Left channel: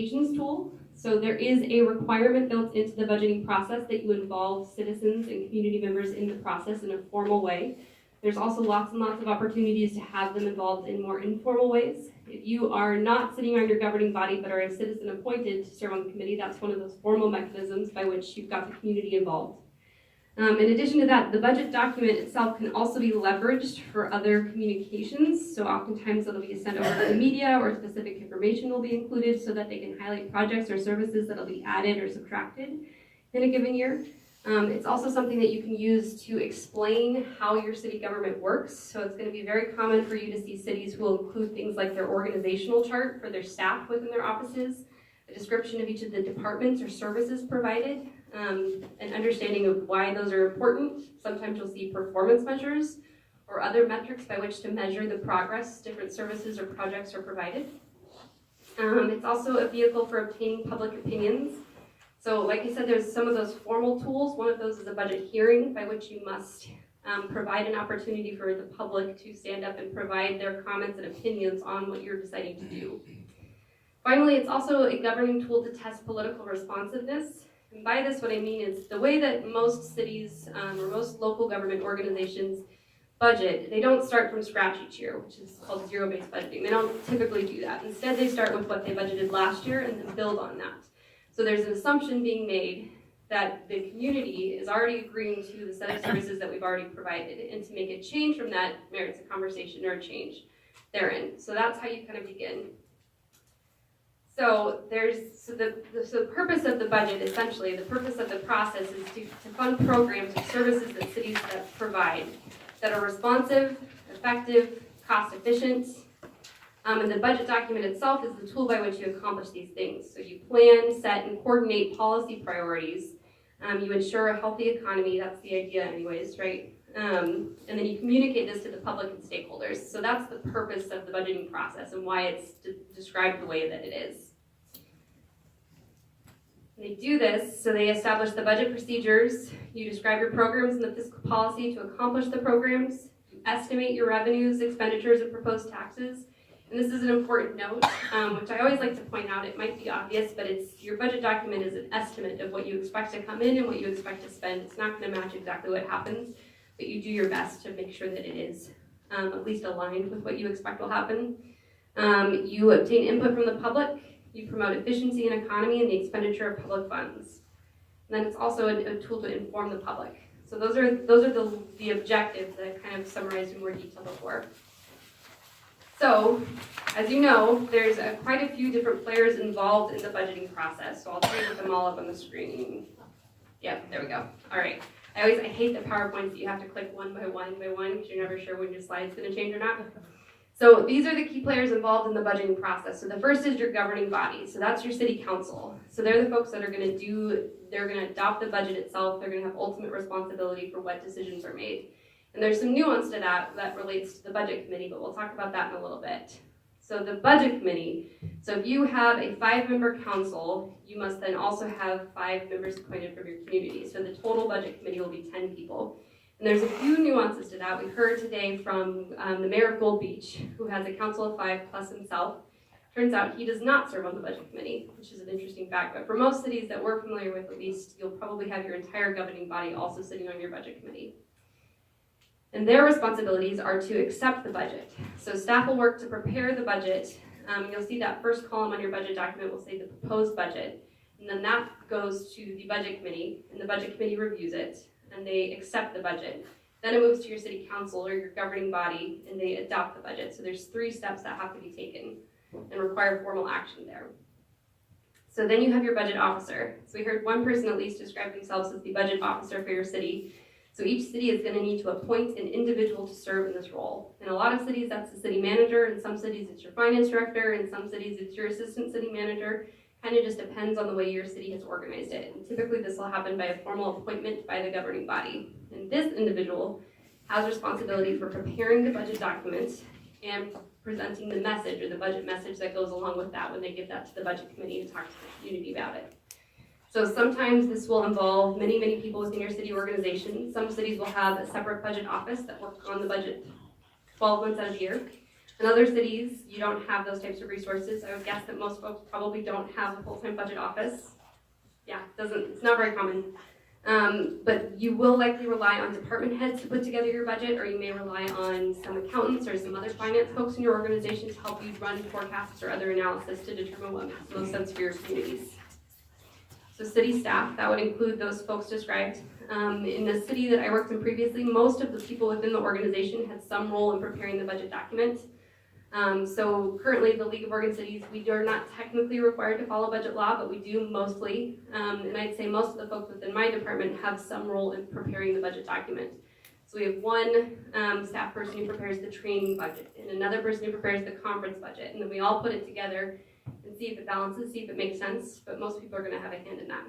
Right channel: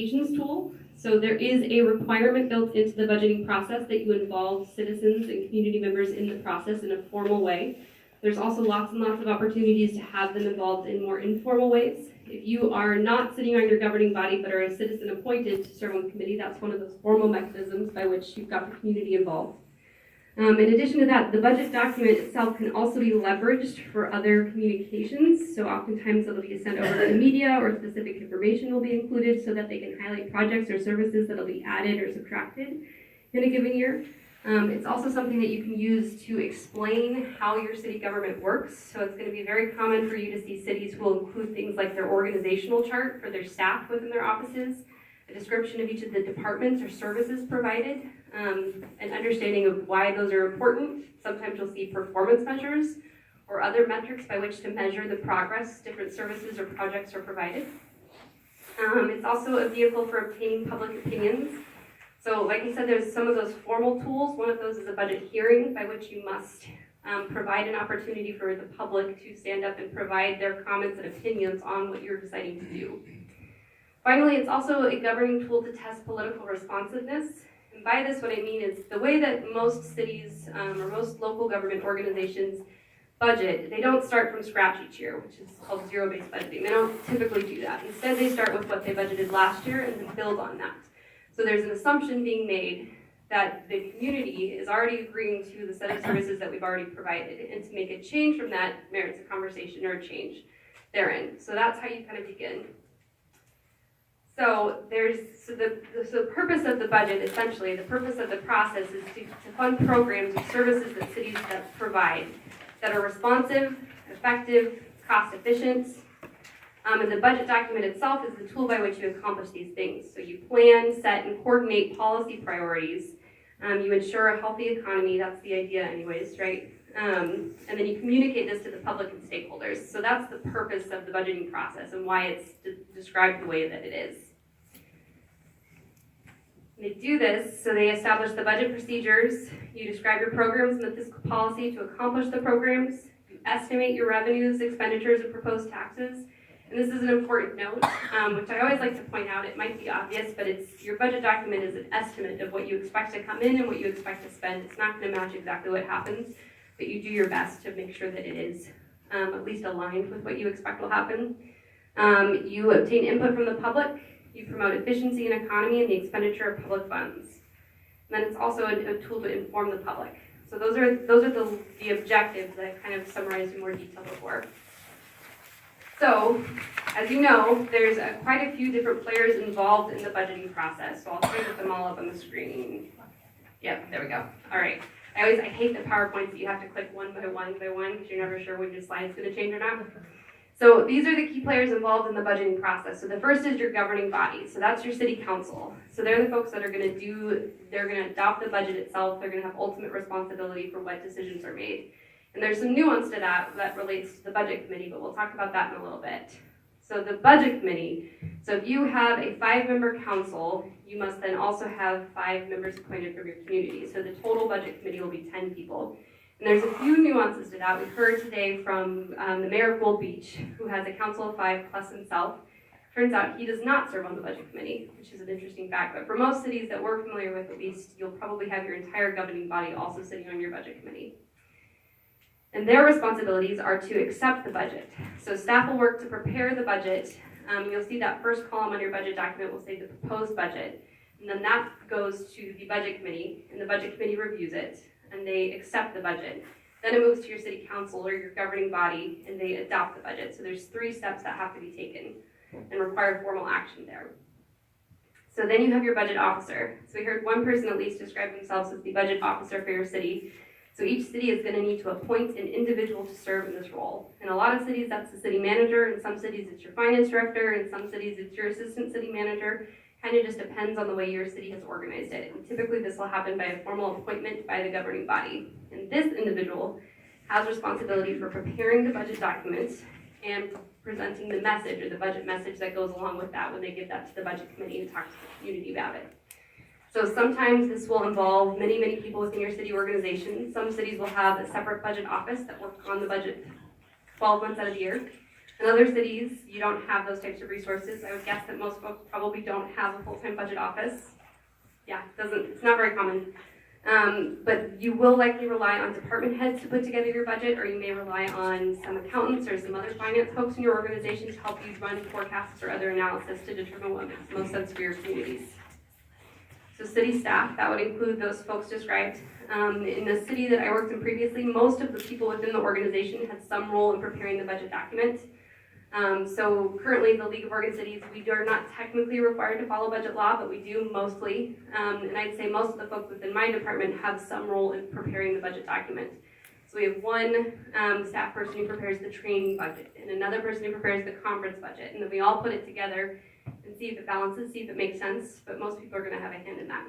tool. So there is a requirement built into the budgeting process that you involve citizens and community members in the process in a formal way. There's also lots and lots of opportunities to have them involved in more informal ways. If you are not sitting on your governing body but are a citizen appointed to serve on the committee, that's one of those formal mechanisms by which you've got the community involved. In addition to that, the budget document itself can also be leveraged for other communications. So oftentimes it'll be sent over to the media, or specific information will be included so that they can highlight projects or services that'll be added or subtracted in a given year. It's also something that you can use to explain how your city government works. So it's going to be very common for you to see cities who will include things like their organizational chart for their staff within their offices, a description of each of the departments or services provided, an understanding of why those are important. Sometimes you'll see performance measures or other metrics by which to measure the progress different services or projects are provided. It's also a vehicle for obtaining public opinions. So like I said, there's some of those formal tools. One of those is a budget hearing by which you must provide an opportunity for the public to stand up and provide their comments and opinions on what you're deciding to do. Finally, it's also a governing tool to test political responsiveness. And by this, what I mean is the way that most cities or most local government organizations budget, they don't start from scratch each year, which is called zero-based budgeting. They don't typically do that. Instead, they start with what they budgeted last year and then build on that. So there's an assumption being made that the community is already agreeing to the set of services that we've already provided, and to make a change from that merits a conversation or a change therein. So that's how you kind of begin. So the purpose of the budget, essentially, the purpose of the process is to fund programs or services that cities that provide that are responsive, effective, cost efficient. And the budget document itself is the tool by which you accomplish these things. So you plan, set, and coordinate policy priorities. You ensure a healthy economy. That's the idea anyways, right? And then you communicate this to the public and stakeholders. So that's the purpose of the budgeting process and why it's described the way that it is. They do this, so they establish the budget procedures, you describe your programs and the fiscal policy to accomplish the programs, you estimate your revenues, expenditures, and proposed taxes. And this is an important note, which I always like to point out. It might be obvious, but your budget document is an estimate of what you expect to come in and what you expect to spend. It's not going to match exactly what happens, but you do your best to make sure that it is at least aligned with what you expect will happen. You obtain input from the public. You promote efficiency and economy in the expenditure of public funds. And then it's also a tool to inform the public. So those are the objectives that I've kind of summarized in more detail before. So, as you know, there's quite a few different players involved in the budgeting process. So I'll try to put them all up on the screen. Yep, there we go. All right. I hate the PowerPoints that you have to click one by one because you're never sure when your slide's going to change or not. So these are the key players involved in the budgeting process. So the first is your governing body. So that's your city council. So they're the folks that are going to adopt the budget itself. They're going to have ultimate responsibility for what decisions are made. And there's some nuance to that relates to the budget committee, but we'll talk about that in a little bit. So the budget committee, so if you have a 5-member council, you must then also have 5 members appointed from your community. So the total budget committee will be 10 people. And there's a few nuances to that. We heard today from the mayor of Gold Beach, who has a council of 5 plus himself. Turns out he does not serve on the budget committee, which is an interesting fact. But for most cities that we're familiar with, at least, you'll probably have your entire governing body also sitting on your budget committee. And their responsibilities are to accept the budget. So staff will work to prepare the budget. You'll see that first column on your budget document will say the proposed budget. And then that goes to the budget committee, and the budget committee reviews it, and they accept the budget. Then it moves to your city council or your governing body, and they adopt the budget. So there's 3 steps that have to be taken and require formal action there. So then you have your budget officer. So we heard one person at least describe themselves as the budget officer for your city. So each city is going to need to appoint an individual to serve in this role. In a lot of cities, that's the city manager. In some cities, it's your finance director. In some cities, it's your assistant city manager. Kind of just depends on the way your city has organized it. And typically, this will happen by a formal appointment by the governing body. And this individual has responsibility for preparing the budget documents and presenting the message or the budget message that goes along with that when they give that to the budget committee and talk to the community about it. So sometimes this will involve many, many people within your city organization. Some cities will have a separate budget office that works on the budget 12 months out of the year. In other cities, you don't have those types of resources. I would guess that most folks probably don't have a full-time budget office. Yeah, it's not very common. But you will likely rely on department heads to put together your budget, or you may rely on some accountants or some other finance folks in your organization to help you run forecasts or other analysis to determine what makes the most sense for your communities. So city staff, that would include those folks described. In the city that I worked in previously, most of the people within the organization had some role in preparing the budget document. So currently, the League of Oregon Cities, we are not technically required to follow budget law, but we do mostly. And I'd say most of the folks within my department have some role in preparing the budget document. So we have one staff person who prepares the training budget, and another person who prepares the conference budget, and then we all put it together and see if it balances, see if it makes sense, but most people are going to have a hand in that.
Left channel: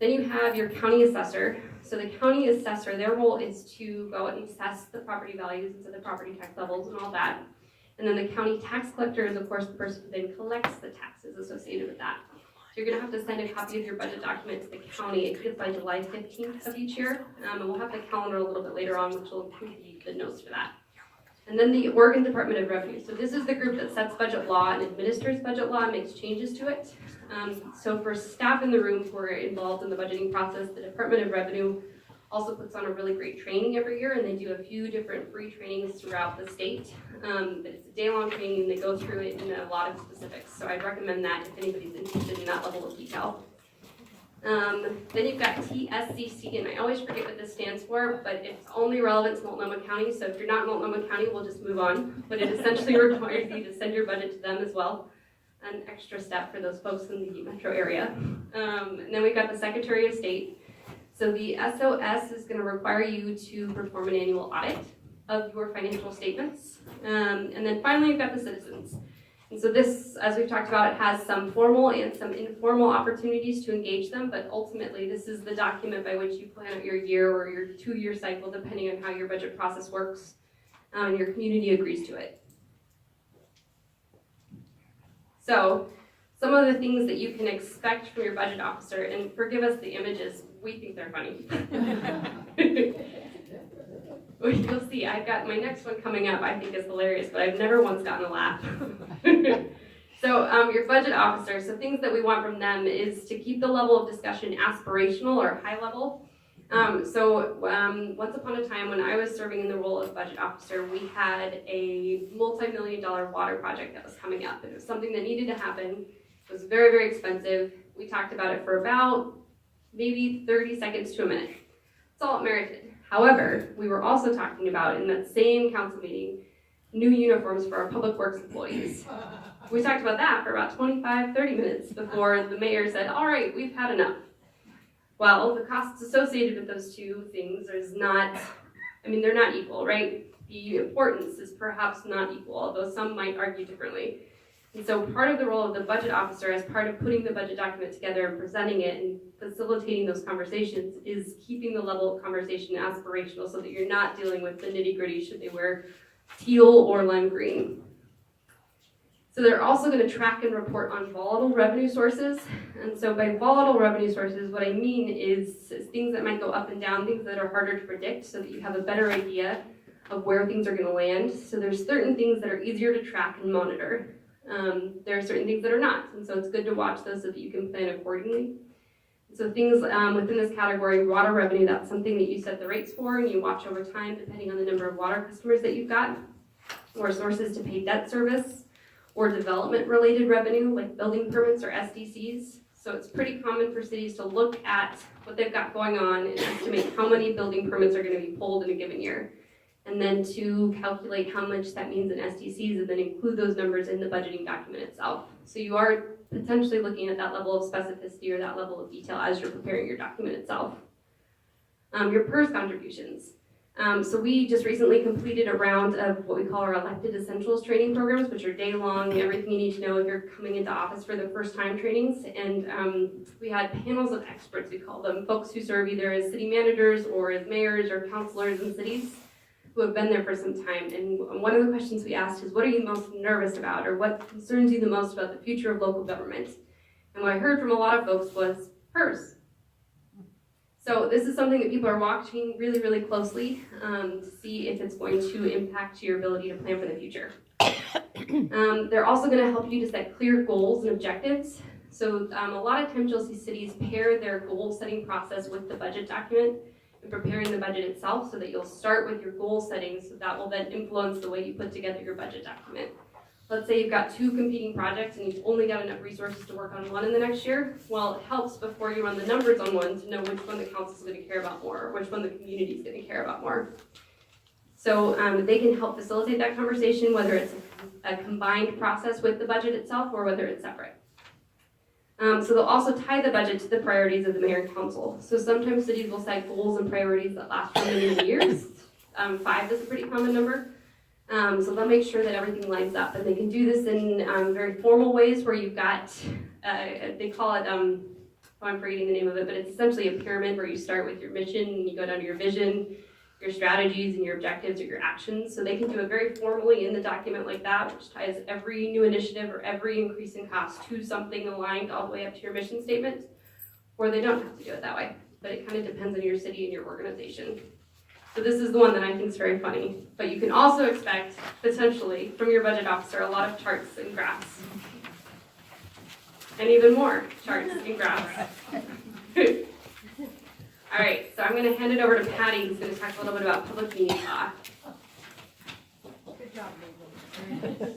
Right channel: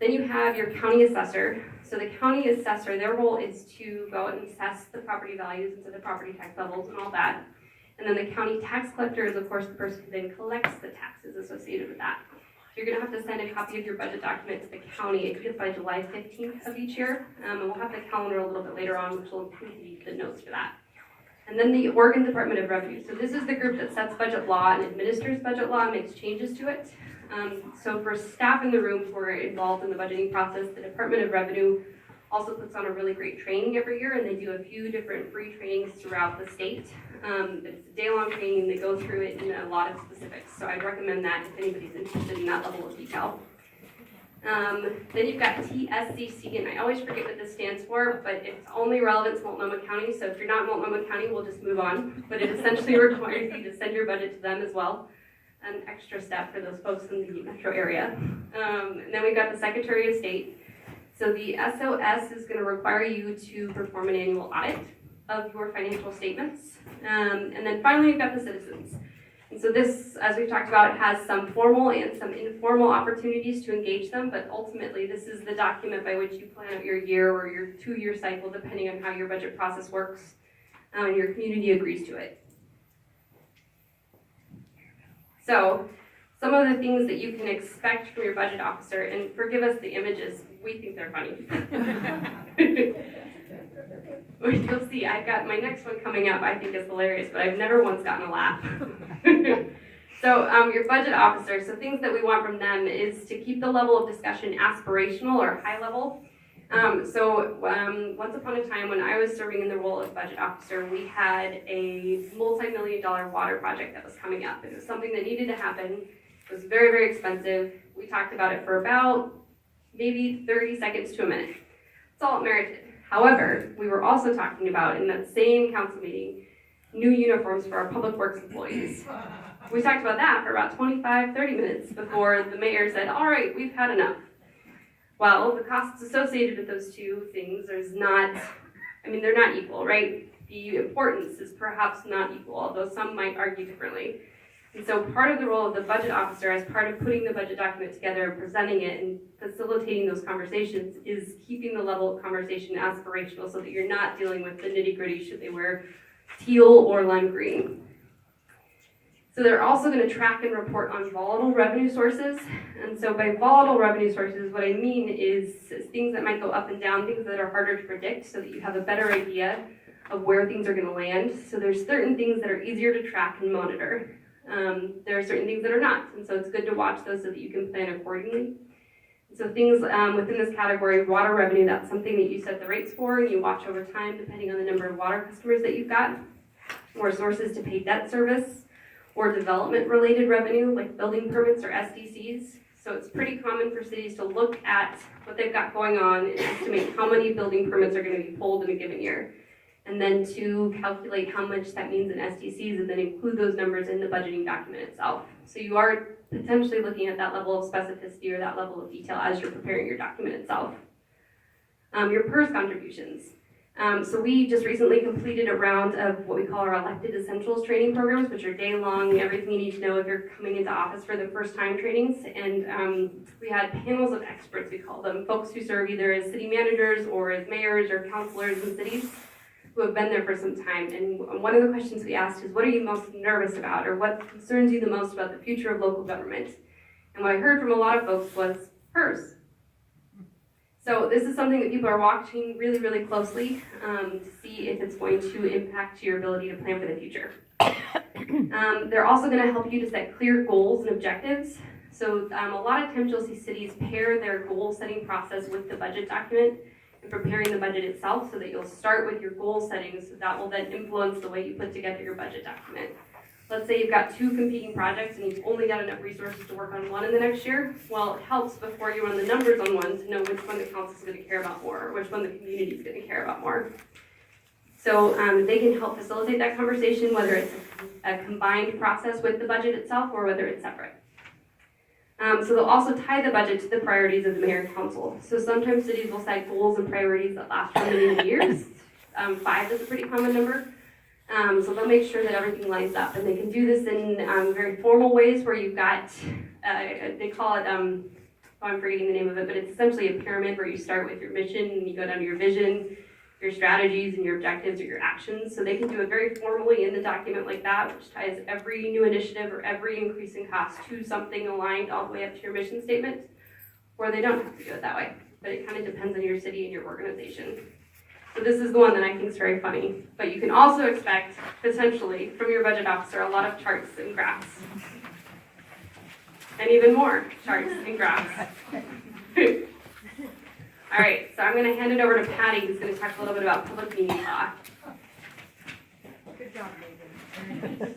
Then you have your county assessor. So the county assessor, their role is to go and assess the property values and so the property tax levels and all that. And then the county tax collector is, of course, the person who then collects the taxes associated with that. So you're going to have to send a copy of your budget document to the county. It gets by July 15th of each year. And we'll have the calendar a little bit later on, which will include the notes for that. And then the Oregon Department of Revenue. So this is the group that sets budget law and administers budget law and makes changes to it. So for staff in the room who are involved in the budgeting process, the Department of Revenue also puts on a really great training every year, and they do a few different free trainings throughout the state. But it's a day-long training. They go through it in a lot of specifics. So I'd recommend that if anybody's interested in that level of detail. Then you've got TSCC, and I always forget what this stands for, but it's only relevant to Multnomah County, so if you're not Multnomah County, we'll just move on. But it essentially requires you to send your budget to them as well. An extra step for those folks in the metro area. And then we've got the Secretary of State. So the SOS is going to require you to perform an annual audit of your financial statements. And then finally, you've got the citizens. And so this, as we've talked about, it has some formal and some informal opportunities to engage them, but ultimately this is the document by which you plan out your year or your 2-year cycle, depending on how your budget process works, and your community agrees to it. So some of the things that you can expect from your budget officer, and forgive us the images, we think they're funny. You'll see, I've got my next one coming up, I think is hilarious, but I've never once gotten a laugh. So your budget officer, so things that we want from them is to keep the level of discussion aspirational or high level. Once upon a time when I was serving in the role of budget officer, we had a multi-million-dollar water project that was coming up. It was something that needed to happen. It was very, very expensive. We talked about it for about maybe 30 seconds to a minute. It's all it merited. However, we were also talking about, in that same council meeting, new uniforms for our public works employees. We talked about that for about 25, 30 minutes before the mayor said, all right, we've had enough. Well, the costs associated with those two things they're not equal, right? The importance is perhaps not equal, although some might argue differently. And so part of the role of the budget officer, as part of putting the budget document together and presenting it and facilitating those conversations, is keeping the level of conversation aspirational so that you're not dealing with the nitty-gritty, should they wear teal or lime green. So they're also going to track and report on volatile revenue sources. And so by volatile revenue sources, what I mean is things that might go up and down, things that are harder to predict so that you have a better idea of where things are going to land. So there's certain things that are easier to track and monitor. There are certain things that are not. And so it's good to watch those so that you can plan accordingly. So things within this category, water revenue, that's something that you set the rates for and you watch over time depending on the number of water customers that you've got, or sources to pay debt service, or development-related revenue, like building permits or SDCs. So it's pretty common for cities to look at what they've got going on and estimate how many building permits are going to be pulled in a given year, and then to calculate how much that means in SDCs and then include those numbers in the budgeting document itself. So you are potentially looking at that level of specificity or that level of detail as you're preparing your document itself. Your PERS contributions. So we just recently completed a round of what we call our elected essentials training programs, which are day-long, everything you need to know if you're coming into office for the first time trainings. And we had panels of experts, we call them, folks who serve either as city managers or as mayors or councilors in cities who have been there for some time. And one of the questions we asked is, what are you most nervous about, or what concerns you the most about the future of local government? And what I heard from a lot of folks was PERS. So this is something that people are watching really, really closely to see if it's going to impact your ability to plan for the future. They're also going to help you to set clear goals and objectives. So a lot of times you'll see cities pair their goal setting process with the budget document and preparing the budget itself, so that you'll start with your goal settings, so that will then influence the way you put together your budget document. Let's say you've got 2 competing projects and you've only got enough resources to work on one in the next year. Well, it helps before you run the numbers on one to know which one the council is going to care about more, or which one the community is going to care about more. So they can help facilitate that conversation, whether it's a combined process with the budget itself or whether it's separate. So they'll also tie the budget to the priorities of the mayor and council. So sometimes cities will set goals and priorities that last for many years. 5 is a pretty common number. So they'll make sure that everything lines up, and they can do this in very formal ways where you've got, they call it, I'm forgetting the name of it, but it's essentially a pyramid where you start with your mission and you go down to your vision, your strategies and your objectives or your actions. So they can do it very formally in the document like that, which ties every new initiative or every increase in cost to something aligned all the way up to your mission statement, or they don't have to do it that way, but it kind of depends on your city and your organization. So this is the one that I think is very funny, but you can also expect, potentially, from your budget officer, a lot of charts and graphs. And even more charts and graphs. All right, so I'm going to hand it over to Patty, who's going to talk a little bit about public meeting law. Good job, Megan.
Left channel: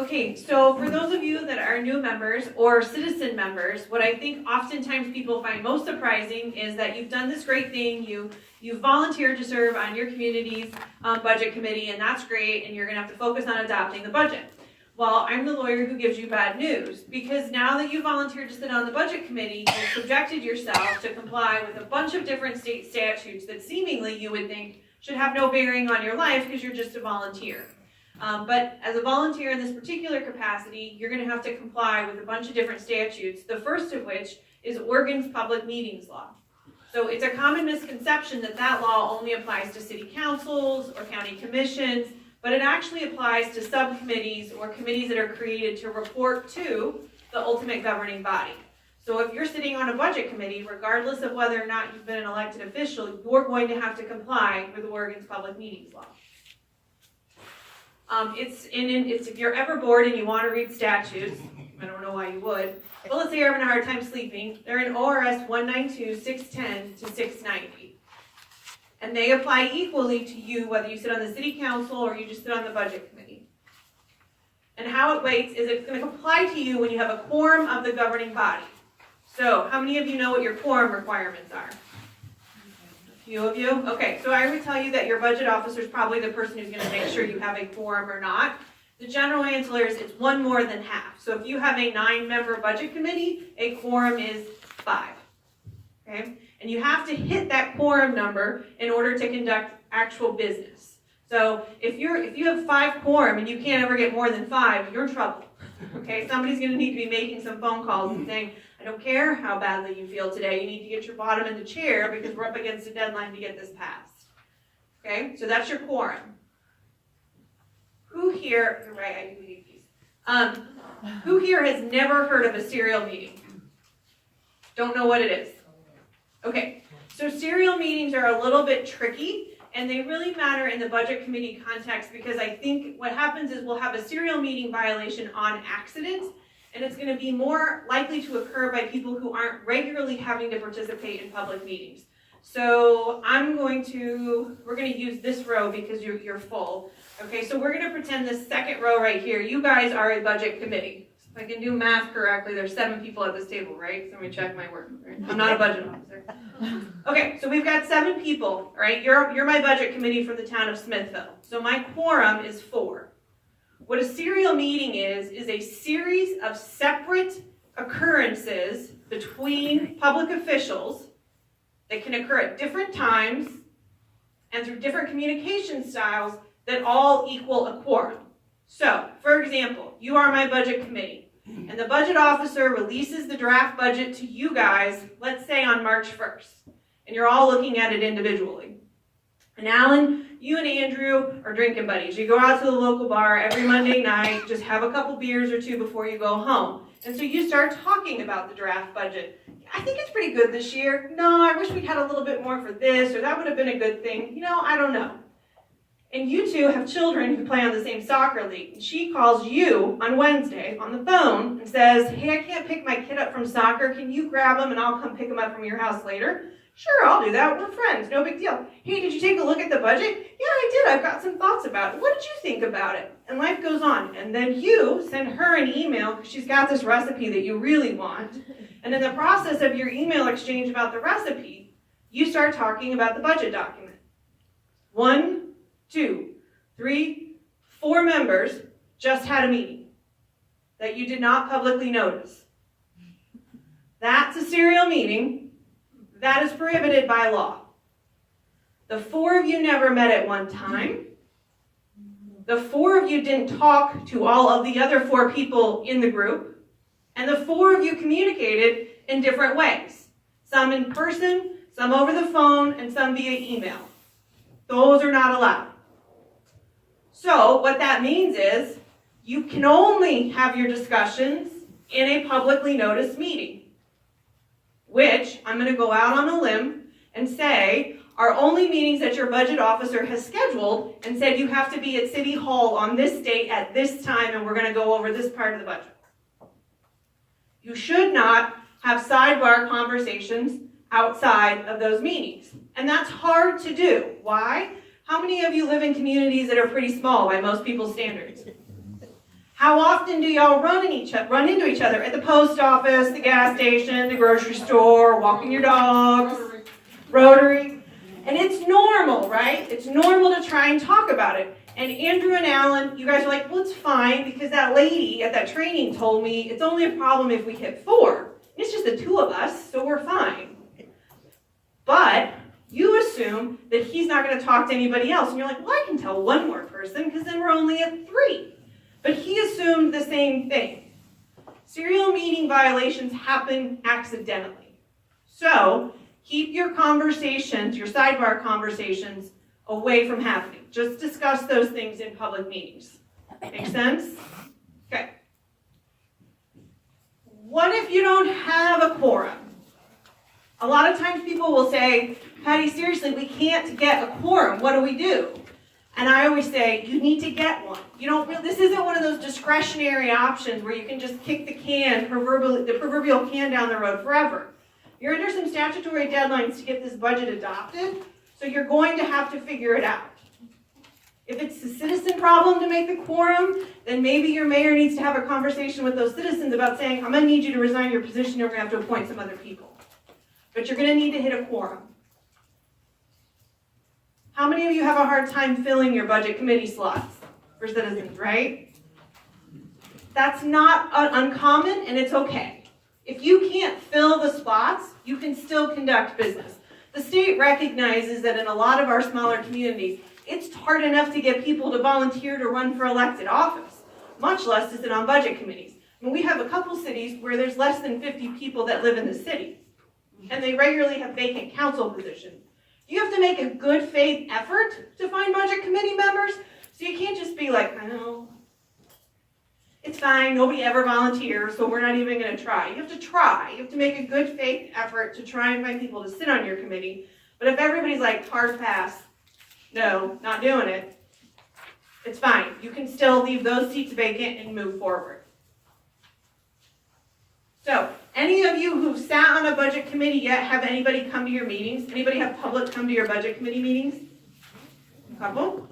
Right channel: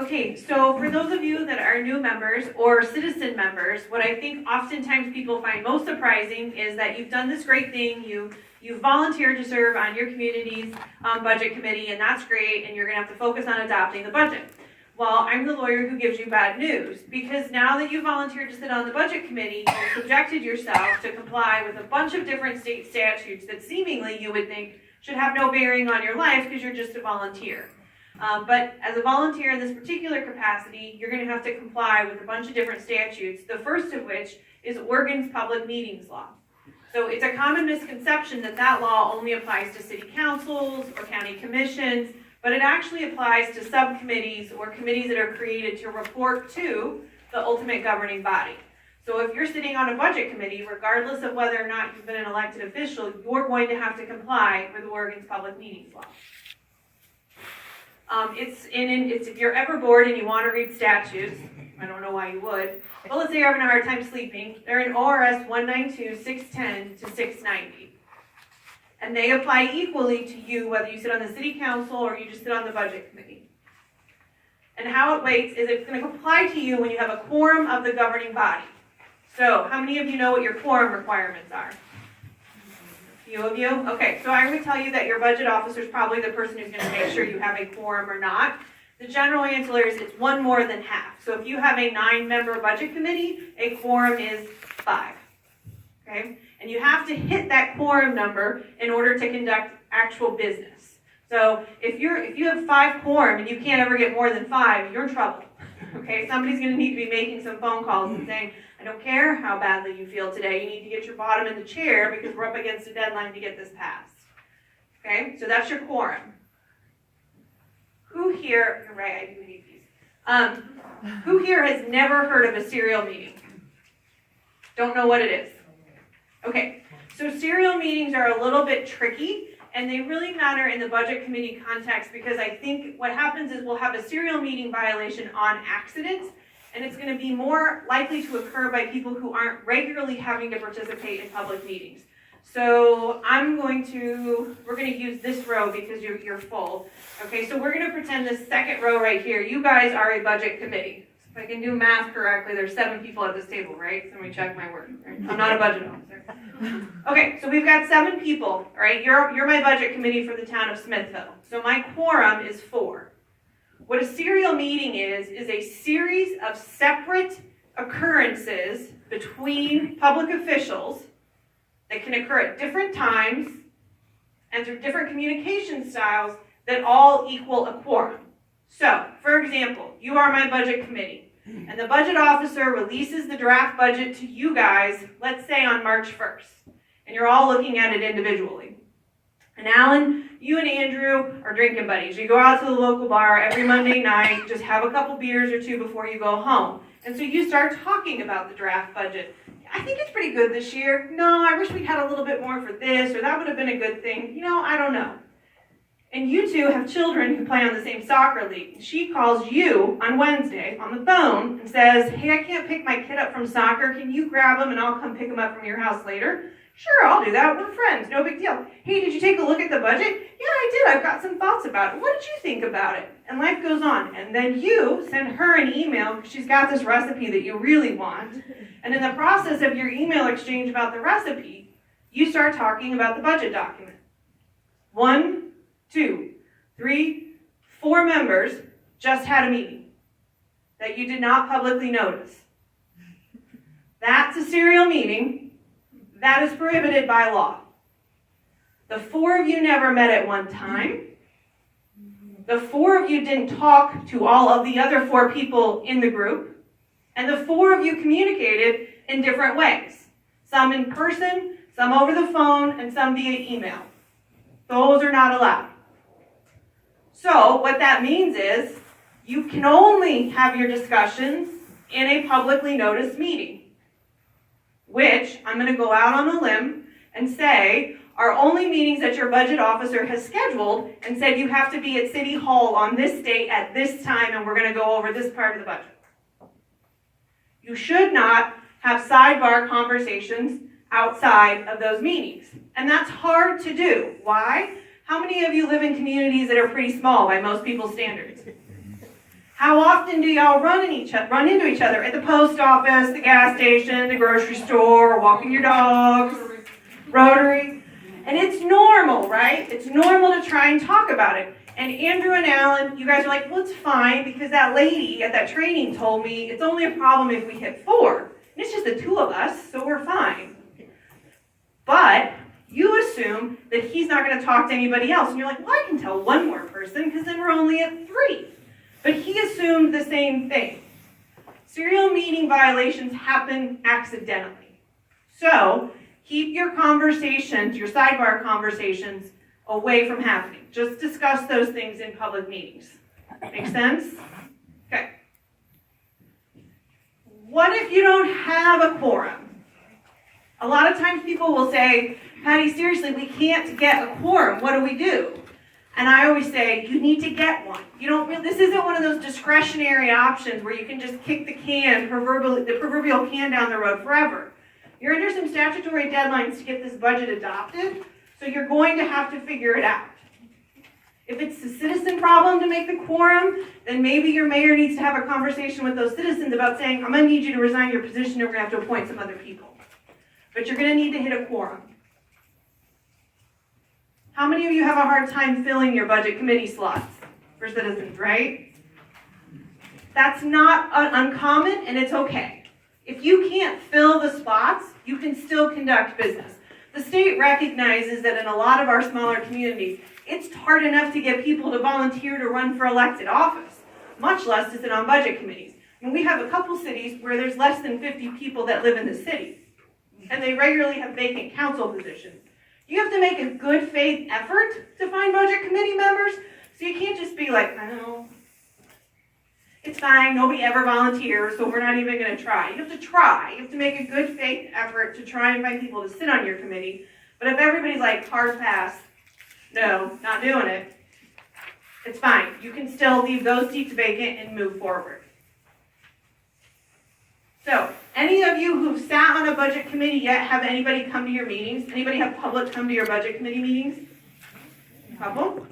Okay, so for those of you that are new members or citizen members, what I think oftentimes people find most surprising is that you've done this great thing, you've volunteered to serve on your community's budget committee, and that's great, and you're going to have to focus on adopting the budget. Well, I'm the lawyer who gives you bad news, because now that you volunteered to sit on the budget committee, you've subjected yourself to comply with a bunch of different state statutes that seemingly you would think should have no bearing on your life because you're just a volunteer. But as a volunteer in this particular capacity, you're going to have to comply with a bunch of different statutes, the first of which is Oregon's public meetings law. So it's a common misconception that that law only applies to city councils or county commissions, but it actually applies to subcommittees or committees that are created to report to the ultimate governing body. So if you're sitting on a budget committee, regardless of whether or not you've been an elected official, you're going to have to comply with Oregon's public meetings law. It's if you're ever bored and you want to read statutes, I don't know why you would, but let's say you're having a hard time sleeping, they're in ORS 192, 610 to 690. And they apply equally to you whether you sit on the city council or you just sit on the budget committee. And how it weights is it's going to apply to you when you have a quorum of the governing body. So how many of you know what your quorum requirements are? Few of you? Okay, so I would tell you that your budget officer is probably the person who's going to make sure you have a quorum or not. The general answer is it's 1 more than half. So if you have a 9-member budget committee, a quorum is 5. Okay? And you have to hit that quorum number in order to conduct actual business. So if you have 5 quorum and you can't ever get more than 5, you're in trouble. Okay? Somebody's going to need to be making some phone calls and saying, I don't care how badly you feel today, you need to get your bottom in the chair because we're up against a deadline to get this passed. Okay, so that's your quorum. Who here, you're right, I do need these. Who here has never heard of a serial meeting? Don't know what it is? Okay, so serial meetings are a little bit tricky, and they really matter in the budget committee context because I think what happens is we'll have a serial meeting violation on accident, and it's going to be more likely to occur by people who aren't regularly having to participate in public meetings. So we're going to use this row because you're full. Okay, so we're going to pretend this second row right here, you guys are a budget committee. If I can do math correctly, there's 7 people at this table, right? So let me check my work. I'm not a budget officer. Okay, so we've got 7 people, right? You're my budget committee for the town of Smithville. So my quorum is 4. What a serial meeting is a series of separate occurrences between public officials that can occur at different times and through different communication styles that all equal a quorum. So, for example, you are my budget committee, and the budget officer releases the draft budget to you guys, let's say on March 1st, and you're all looking at it individually. And Alan, you and Andrew are drinking buddies. You go out to the local bar every Monday night, just have a couple beers or two before you go home. And so you start talking about the draft budget. I think it's pretty good this year. No, I wish we'd had a little bit more for this, or that would have been a good thing. I don't know. And you two have children who play on the same soccer league. And she calls you on Wednesday on the phone and says, hey, I can't pick my kid up from soccer. Can you grab him and I'll come pick him up from your house later? Sure, I'll do that. We're friends. No big deal. Hey, did you take a look at the budget? Yeah, I did. I've got some thoughts about it. What did you think about it? And life goes on. And then you send her an email because she's got this recipe that you really want. And in the process of your email exchange about the recipe, you start talking about the budget document. 1, 2, 3, 4 members just had a meeting that you did not publicly notice. That's a serial meeting. That is prohibited by law. The 4 of you never met at one time. The 4 of you didn't talk to all of the other 4 people in the group. And the 4 of you communicated in different ways. Some in person, some over the phone, and some via email. Those are not allowed. So what that means is you can only have your discussions in a publicly noticed meeting, which I'm going to go out on a limb and say are only meetings that your budget officer has scheduled and said you have to be at City Hall on this date at this time and we're going to go over this part of the budget. You should not have sidebar conversations outside of those meetings. And that's hard to do. Why? How many of you live in communities that are pretty small by most people's standards? How often do y'all run into each other at the post office, the gas station, the grocery store, walking your dogs, Rotary? And it's normal, right? It's normal to try and talk about it. And Andrew and Alan, you guys are like, well, it's fine because that lady at that training told me it's only a problem if we hit 4. And it's just the 2 of us, so we're fine. But you assume that he's not going to talk to anybody else. And you're like, well, I can tell one more person because then we're only at 3. But he assumed the same thing. Serial meeting violations happen accidentally. So keep your conversations, your sidebar conversations, away from happening. Just discuss those things in public meetings. Make sense? Okay. What if you don't have a quorum? A lot of times people will say, Patty, seriously, we can't get a quorum. What do we do? And I always say, you need to get one. This isn't one of those discretionary options where you can just kick the proverbial can down the road forever. You're under some statutory deadlines to get this budget adopted, so you're going to have to figure it out. If it's a citizen problem to make the quorum, then maybe your mayor needs to have a conversation with those citizens about saying, I'm going to need you to resign your position or we're going to have to appoint some other people. But you're going to need to hit a quorum. How many of you have a hard time filling your budget committee slots for citizens, right? That's not uncommon, and it's okay. If you can't fill the spots, you can still conduct business. The state recognizes that in a lot of our smaller communities, it's hard enough to get people to volunteer to run for elected office, much less to sit on budget committees. I mean, we have a couple cities where there's less than 50 people that live in the city, and they regularly have vacant council positions. You have to make a good faith effort to find budget committee members, so you can't just be like, oh, it's fine, nobody ever volunteers, so we're not even going to try. You have to try. You have to make a good faith effort to try and find people to sit on your committee. But if everybody's like, hard pass, no, not doing it, it's fine. You can still leave those seats vacant and move forward. So, any of you who've sat on a budget committee yet have anybody come to your meetings? Anybody have public come to your budget committee meetings? A couple?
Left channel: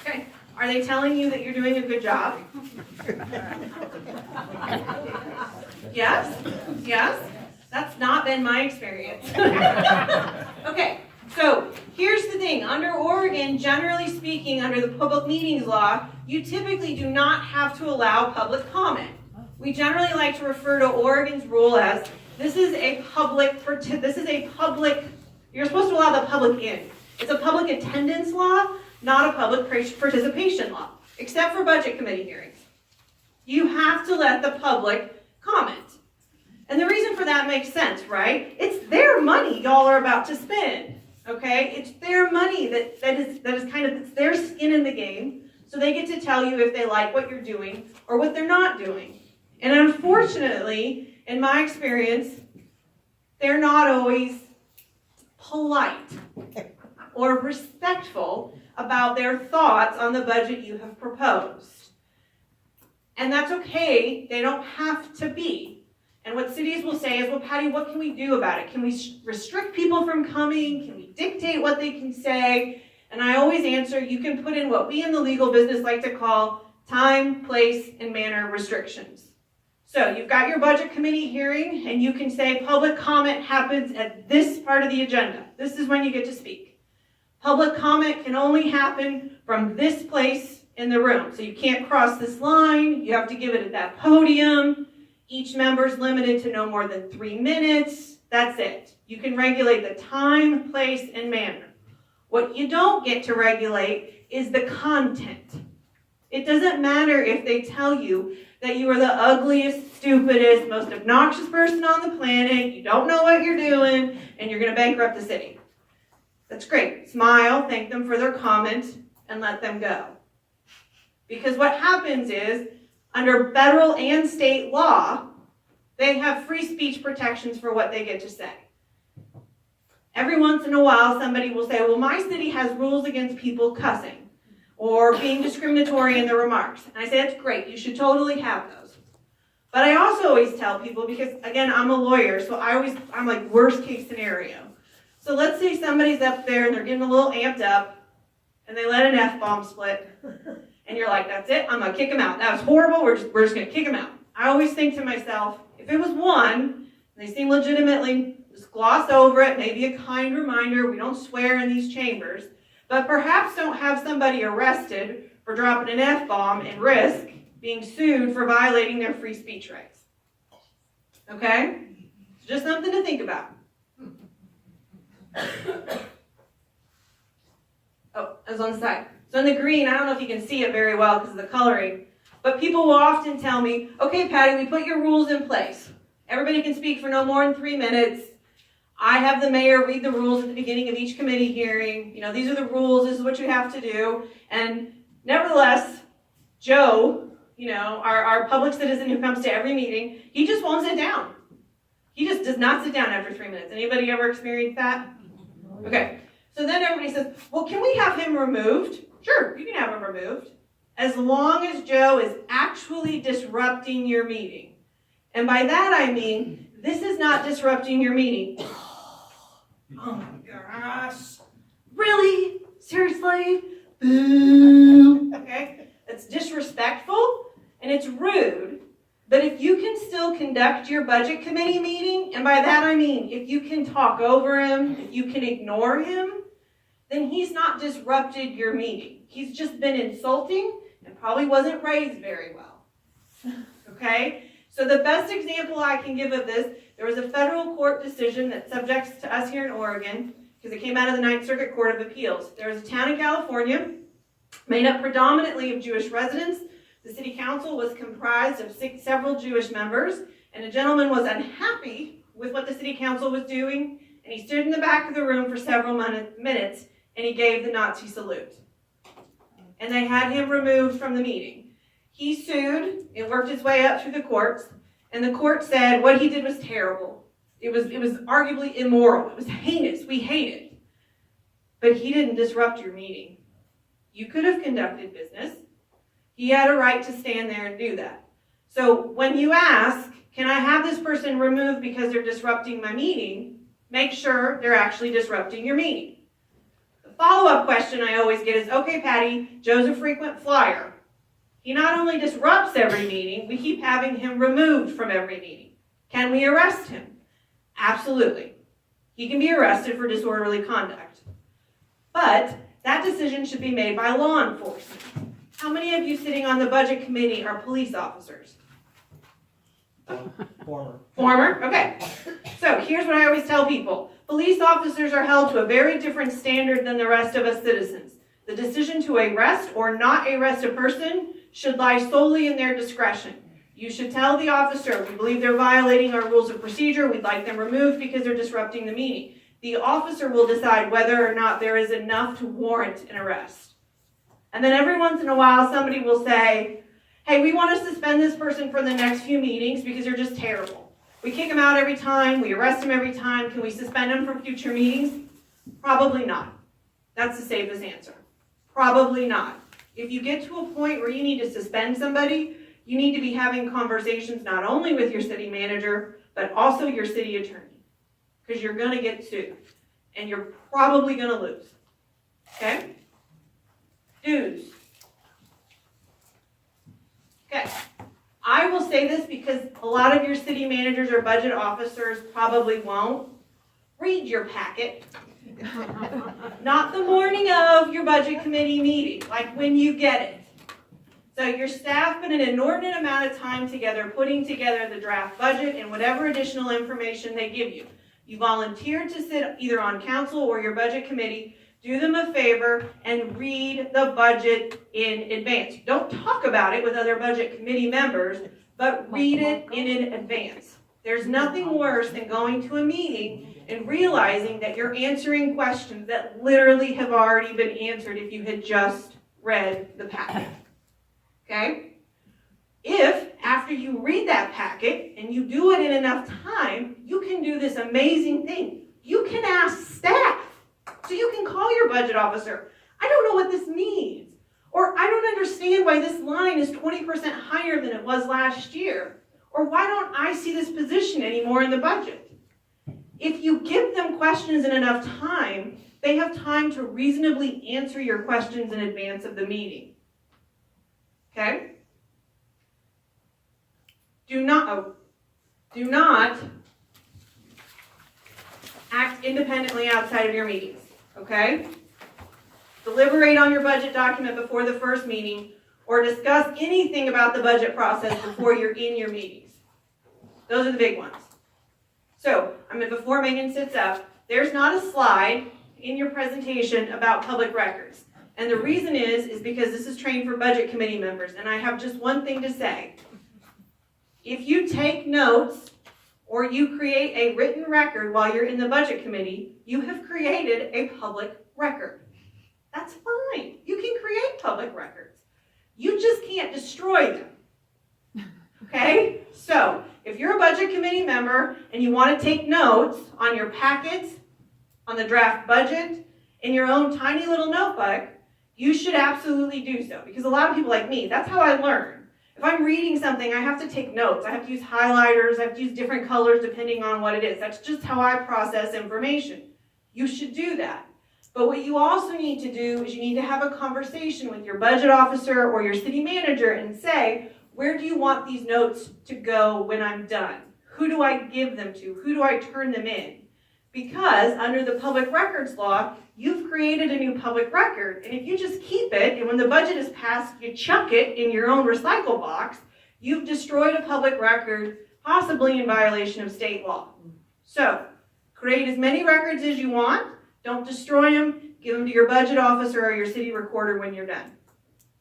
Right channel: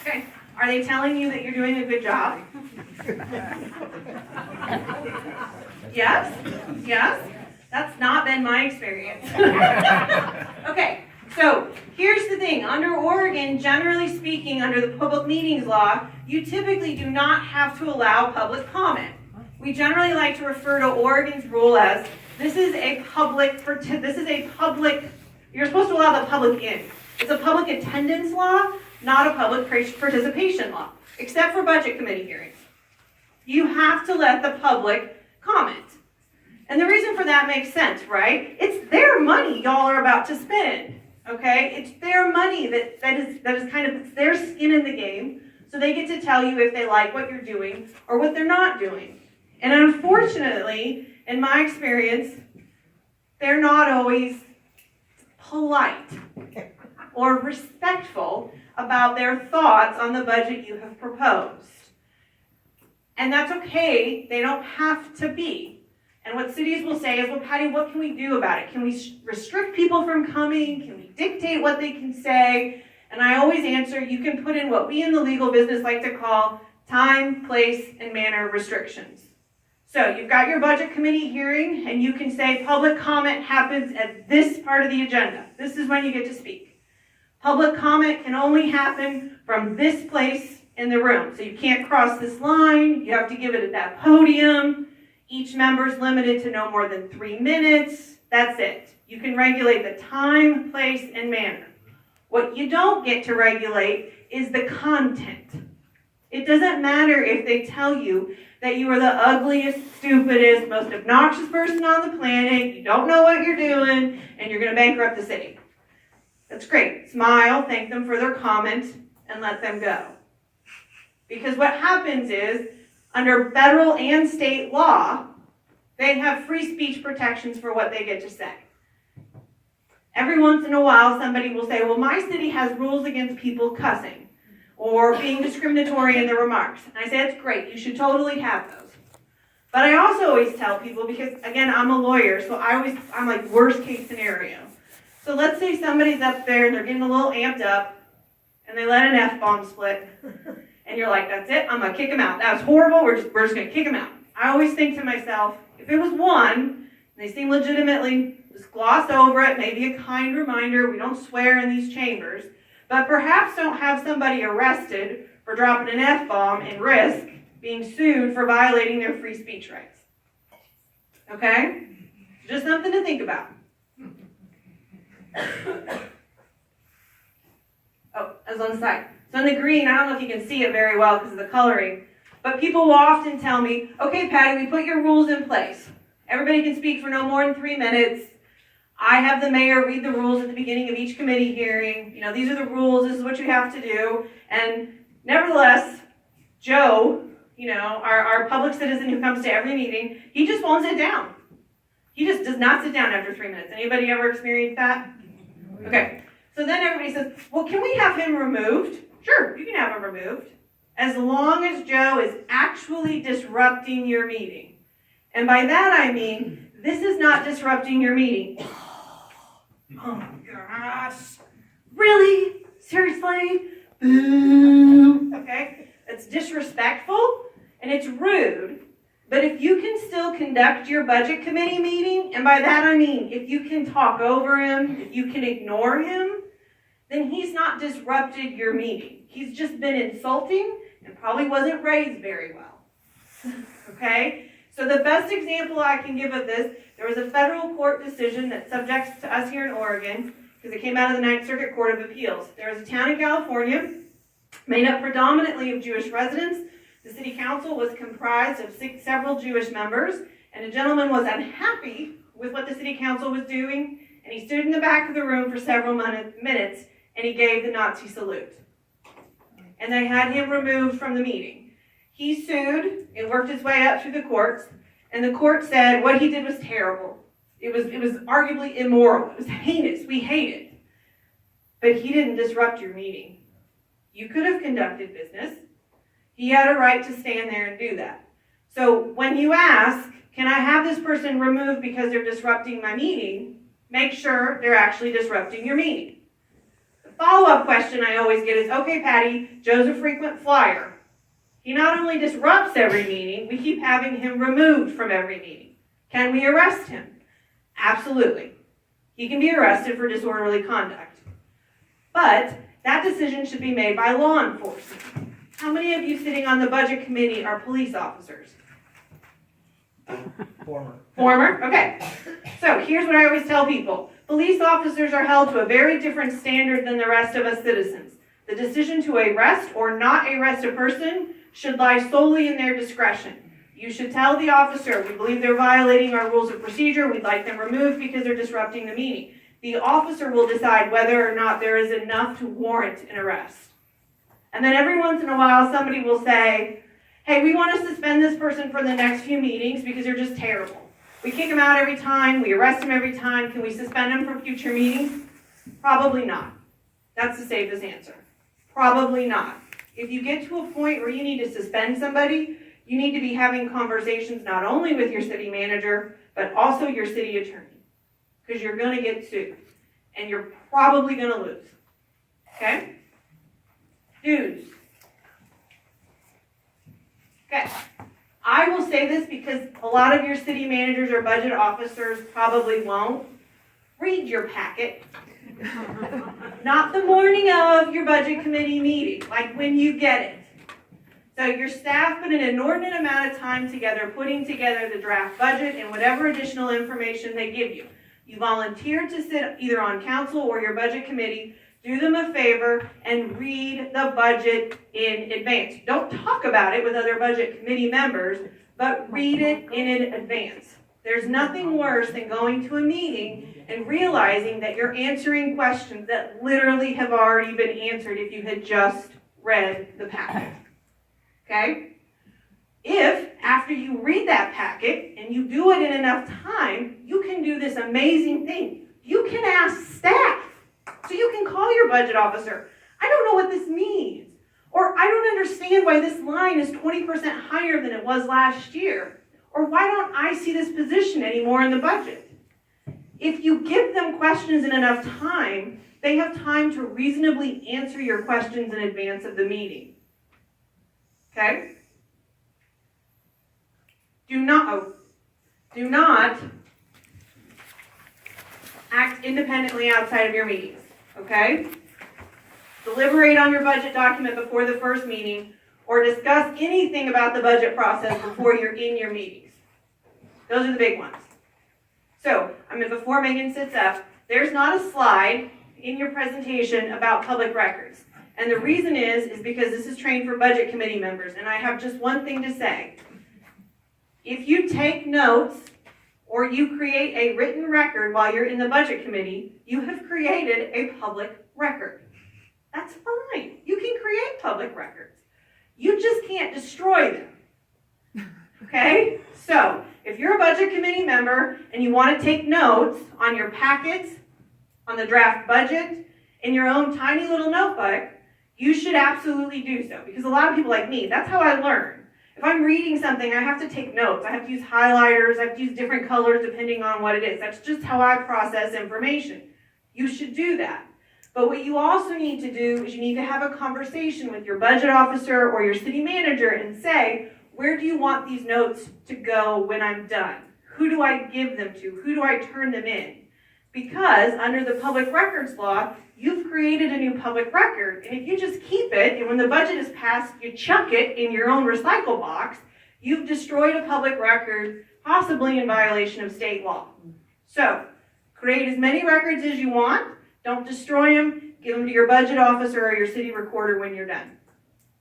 Okay. Are they telling you that you're doing a good job? Yes? Yes? That's not been my experience. Okay, so here's the thing. Under Oregon, generally speaking, under the public meetings law, you typically do not have to allow public comment. We generally like to refer to Oregon's rule as, you're supposed to allow the public in. It's a public attendance law, not a public participation law, except for budget committee hearings. You have to let the public comment. And the reason for that makes sense, right? It's their money y'all are about to spend, Okay, it's their money that is kind of, it's their skin in the game, so they get to tell you if they like what you're doing or what they're not doing. And unfortunately, in my experience, they're not always polite or respectful about their thoughts on the budget you have proposed. And that's okay, they don't have to be. And what cities will say is, well, Patty, what can we do about it? Can we restrict people from coming? Can we dictate what they can say? And I always answer, you can put in what we in the legal business like to call time, place, and manner restrictions. So you've got your budget committee hearing, and you can say public comment happens at this part of the agenda. This is when you get to speak. Public comment can only happen from this place in the room. So you can't cross this line. You have to give it at that podium. Each member is limited to no more than 3 minutes. That's it. You can regulate the time, place, and manner. What you don't get to regulate is the content. It doesn't matter if they tell you that you are the ugliest, stupidest, most obnoxious person on the planet, you don't know what you're doing, and you're going to bankrupt the city. That's great. Smile, thank them for their comment, and let them go. Because what happens is, under federal and state law, they have free speech protections for what they get to say. Every once in a while, somebody will say, well, my city has rules against people cussing or being discriminatory in their remarks. And I say, that's great. You should totally have those. But I also always tell people, because, again, I'm a lawyer, so I'm like worst case scenario. So let's say somebody's up there and they're getting a little amped up and they let an F-bomb split. And you're like, that's it, I'm going to kick him out. That was horrible, we're just going to kick him out. I always think to myself, if it was one, and they seem legitimately, just gloss over it, maybe a kind reminder, we don't swear in these chambers, but perhaps don't have somebody arrested for dropping an F-bomb and risk being sued for violating their free speech rights. Okay? Just something to think about. Oh, I was on the side. So in the green, I don't know if you can see it very well because of the coloring, but people will often tell me, okay, Patty, we put your rules in place. Everybody can speak for no more than 3 minutes. I have the mayor read the rules at the beginning of each committee hearing. You know, these are the rules, this is what you have to do. And nevertheless, Joe, you know, our public citizen who comes to every meeting, he just won't sit down. He just does not sit down after 3 minutes. Anybody ever experienced that? Okay. So then everybody says, well, can we have him removed? Sure, you can have him removed, as long as Joe is actually disrupting your meeting. And by that I mean, this is not disrupting your meeting. Oh my gosh. Really? Seriously? Boo. Okay? It's disrespectful and it's rude. But if you can still conduct your budget committee meeting, and by that I mean, if you can talk over him, if you can ignore him, then he's not disrupted your meeting. He's just been insulting and probably wasn't raised very well. Okay? So the best example I can give of this, there was a federal court decision that subjects to us here in Oregon, because it came out of the Ninth Circuit Court of Appeals. There was a town in California made up predominantly of Jewish residents. The city council was comprised of several Jewish members, and a gentleman was unhappy with what the city council was doing, and he stood in the back of the room for several minutes, and he gave the Nazi salute. And they had him removed from the meeting. He sued, it worked its way up through the courts, and the court said what he did was terrible. It was arguably immoral. It was heinous. We hate it. But he didn't disrupt your meeting. You could have conducted business. He had a right to stand there and do that. So when you ask, can I have this person removed because they're disrupting my meeting, make sure they're actually disrupting your meeting. The follow-up question I always get is, okay, Patty, Joe's a frequent flyer. He not only disrupts every meeting, we keep having him removed from every meeting. Can we arrest him? Absolutely. He can be arrested for disorderly conduct. But that decision should be made by law enforcement. How many of you sitting on the budget committee are police officers? Former? Okay. So here's what I always tell people. Police officers are held to a very different standard than the rest of us citizens. The decision to arrest or not arrest a person should lie solely in their discretion. You should tell the officer, we believe they're violating our rules of procedure, we'd like them removed because they're disrupting the meeting. the officer will decide whether or not there is enough to warrant an arrest. And then every once in a while, somebody will say, hey, we want to suspend this person for the next few meetings because they're just terrible. We kick them out every time, we arrest them every time. Can we suspend them for future meetings? Probably not. That's the safest answer. Probably not. If you get to a point where you need to suspend somebody, you need to be having conversations not only with your city manager, but also your city attorney. Because you're going to get sued. And you're probably going to lose. Okay? Dues. Okay. I will say this because a lot of your city managers or budget officers probably won't. Read your packet. Not the morning of your budget committee meeting, like when you get it. So your staff put an inordinate amount of time together putting together the draft budget and whatever additional information they give you. You volunteered to sit either on council or your budget committee. Do them a favor and read the budget in advance. Don't talk about it with other budget committee members, but read it in advance. There's nothing worse than going to a meeting and realizing that you're answering questions that literally have already been answered if you had just read the packet. Okay? If, after you read that packet and you do it in enough time, you can do this amazing thing. You can ask staff. So you can call your budget officer. I don't know what this means. Or I don't understand why this line is 20% higher than it was last year. Or why don't I see this position anymore in the budget? If you give them questions in enough time, they have time to reasonably answer your questions in advance of the meeting. Okay? Do not act independently outside of your meetings. Okay? Deliberate on your budget document before the first meeting, or discuss anything about the budget process before you're in your meetings. Those are the big ones. So, before Megan sits up, there's not a slide in your presentation about public records. And the reason is because this is trained for budget committee members, and I have just one thing to say. If you take notes or you create a written record while you're in the budget committee, you have created a public record. That's fine. You can create public records. You just can't destroy them. Okay? So, if you're a budget committee member and you want to take notes on your packets, on the draft budget, in your own tiny little notebook, you should absolutely do so. Because a lot of people like me, that's how I learn. If I'm reading something, I have to take notes. I have to use highlighters. I have to use different colors depending on what it is. That's just how I process information. You should do that. But what you also need to do is you need to have a conversation with your budget officer or your city manager and say, where do you want these notes to go when I'm done? Who do I give them to? Who do I turn them in? Because under the public records law, you've created a new public record. And if you just keep it, and when the budget is passed, you chuck it in your own recycle box, you've destroyed a public record, possibly in violation of state law. So, create as many records as you want. Don't destroy them. Give them to your budget officer or your city recorder when you're done.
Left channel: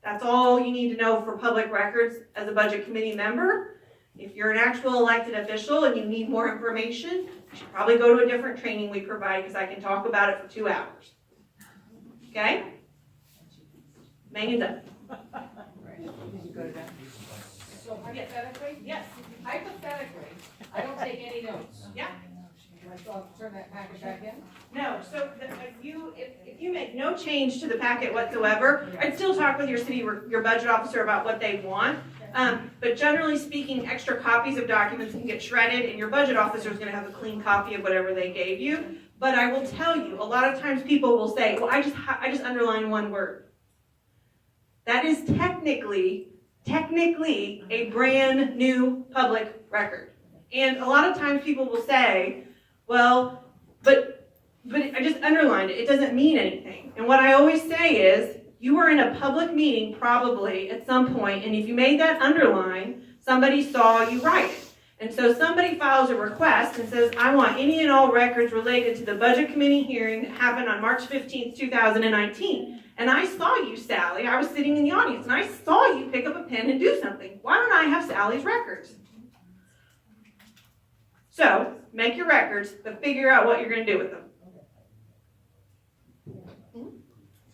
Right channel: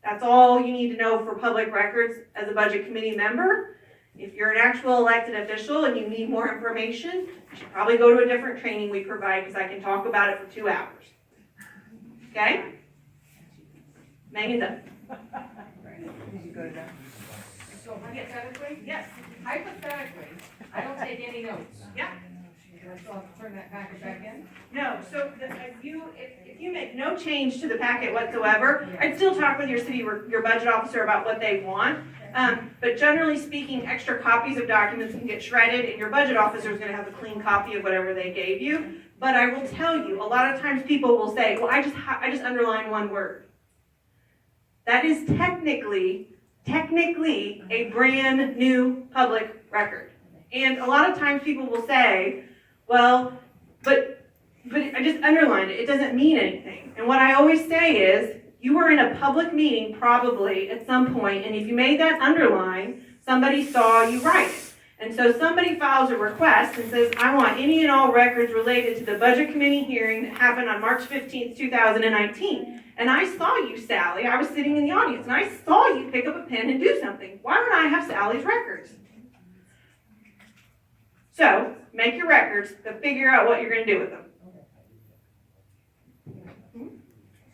That's all you need to know for public records as a budget committee member. If you're an actual elected official and you need more information, you should probably go to a different training we provide because I can talk about it for 2 hours. Okay? Megan's up. Did you go to that? So hypothetically? Yes. Hypothetically, I don't take any notes. Yeah. Do I still have to turn that packet back in? No, so if you make no change to the packet whatsoever, I'd still talk with your budget officer about what they want. But generally speaking, extra copies of documents can get shredded, and your budget officer is going to have a clean copy of whatever they gave you. But I will tell you, a lot of times people will say, well, I just underline one word. That is technically a brand new public record. And a lot of times people will say, well, but I just underlined it. It doesn't mean anything. And what I always say is, you were in a public meeting probably at some point, and if you made that underline, somebody saw you write it. And so somebody files a request and says, I want any and all records related to the budget committee hearing that happened on March 15th, 2019. And I saw you, Sally. I was sitting in the audience, and I saw you pick up a pen and do something. Why don't I have Sally's records? So, make your records, but figure out what you're going to do with them.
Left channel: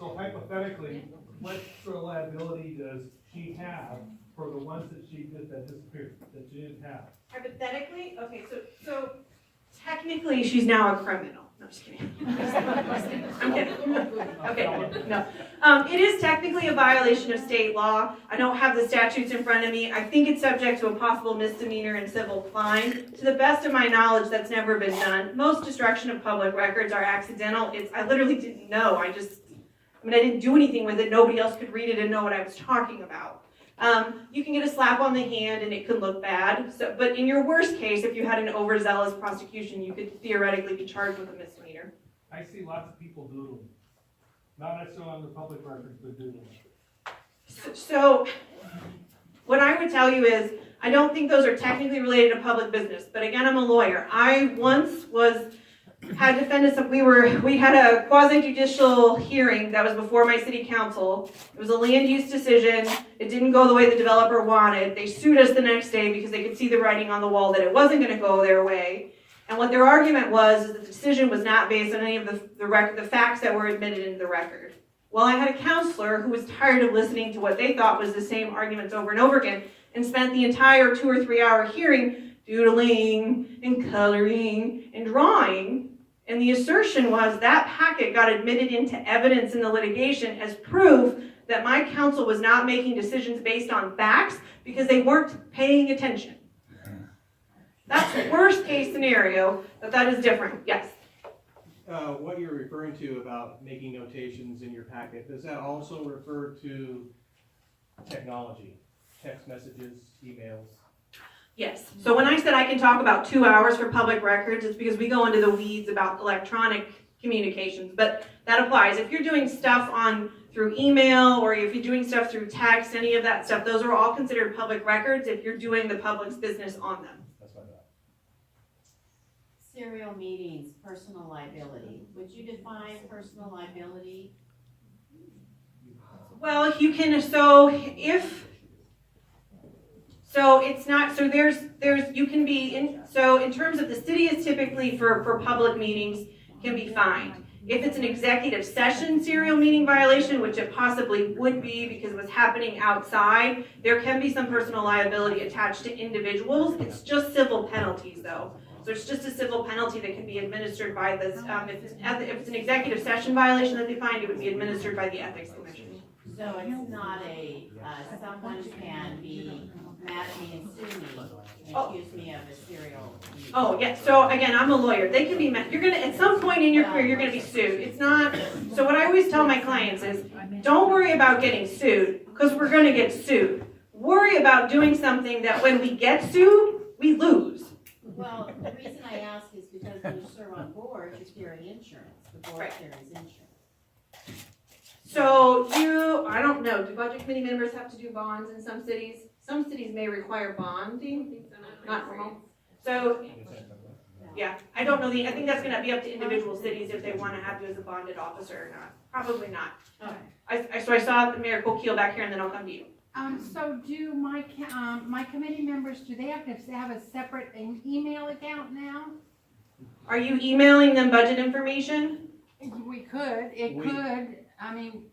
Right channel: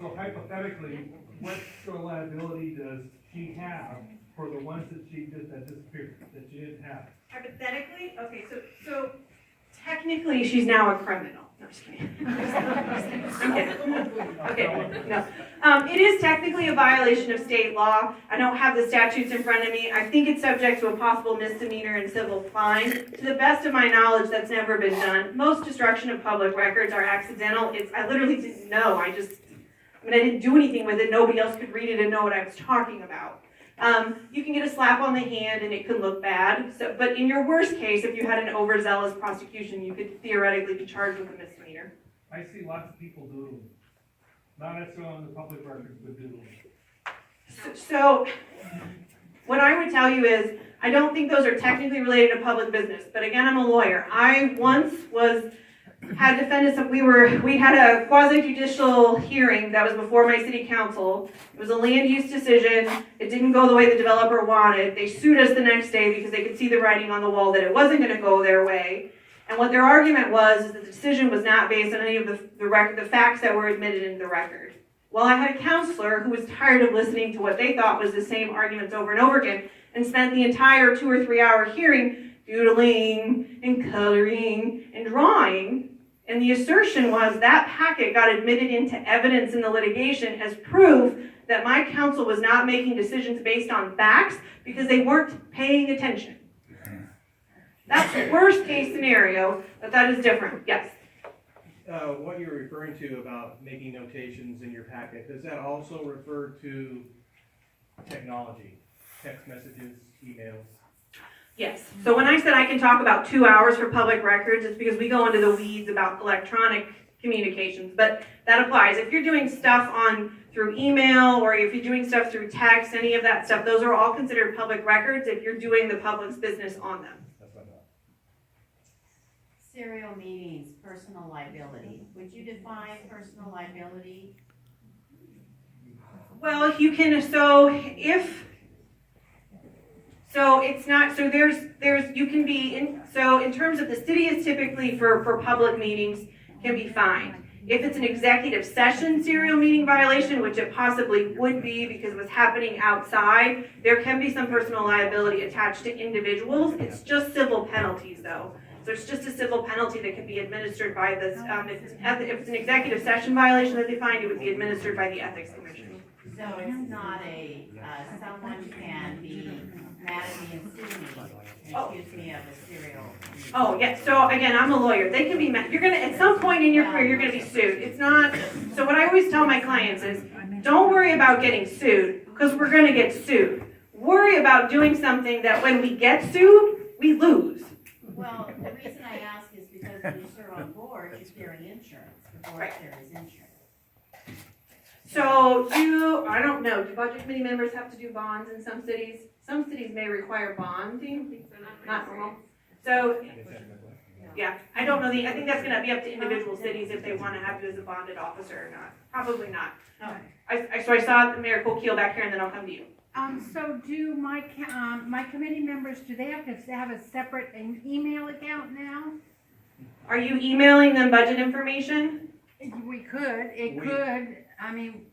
So hypothetically, what sort of liability does she have for the ones that that disappeared, that she didn't have? Hypothetically, okay, so technically she's now a criminal. No, just kidding. I'm kidding. Okay, no. It is technically a violation of state law. I don't have the statutes in front of me. I think it's subject to a possible misdemeanor and civil fine. To the best of my knowledge, that's never been done. Most destruction of public records are accidental. I literally didn't know. I didn't do anything with it. Nobody else could read it and know what I was talking about. You can get a slap on the hand and it can look bad. But in your worst case, if you had an overzealous prosecution, you could theoretically be charged with a misdemeanor. I see lots of people doodling. Not necessarily on the public records, but doodling. So what I would tell you is, I don't think those are technically related to public business. But again, I'm a lawyer. I once had defendants that we had a quasi-judicial hearing that was before my city council. It was a land use decision. It didn't go the way the developer wanted. They sued us the next day because they could see the writing on the wall that it wasn't going to go their way. And what their argument was is that the decision was not based on any of the facts that were admitted into the record. Well, I had a counselor who was tired of listening to what they thought was the same arguments over and over again and spent the entire 2 or 3 hour hearing doodling and coloring and drawing. And the assertion was that packet got admitted into evidence in the litigation as proof that my counsel was not making decisions based on facts because they weren't paying attention. That's worst case scenario, but that is different. Yes? What you're referring to about making notations in your packet, does that also refer to technology, text messages, emails? Yes. So when I said I can talk about 2 hours for public records, it's because we go into the weeds about electronic communications, but that applies. If you're doing stuff through email or if you're doing stuff through text, any of that stuff, those are all considered public records if you're doing the public's business on them. That's what I thought. Serial meetings, personal liability. Would you define personal liability? Well, you can, you can be in terms of the city is typically for public meetings can be fined. If it's an executive session serial meeting violation, which it possibly would be because it was happening outside, there can be some personal liability attached to individuals. It's just civil penalties though. So it's just a civil penalty that can be administered by this, if it's an executive session violation that they find, it would be administered by the Ethics Commission. So it's not someone can be mad at me and sue me and accuse me of a serial. Oh, yeah, so again, I'm a lawyer. They can be mad. You're gonna, at some point in your career, you're gonna be sued. It's not, so what I always tell my clients is, don't worry about getting sued, because we're gonna get sued. Worry about doing something that when we get sued, we lose. Well, the reason I ask is because when you serve on board, you carry insurance. The board carries insurance. So I don't know, do budget committee members have to do bonds in some cities? Some cities may require bonding, not normal. So, yeah, I don't know, I think that's gonna be up to individual cities if they wanna have you as a bonded officer or not. Probably not. So I saw Mayor Kokeel back here and then I'll come to you. So do my committee members, do they have to have a separate email account now? Are you emailing them budget information? It could, I mean,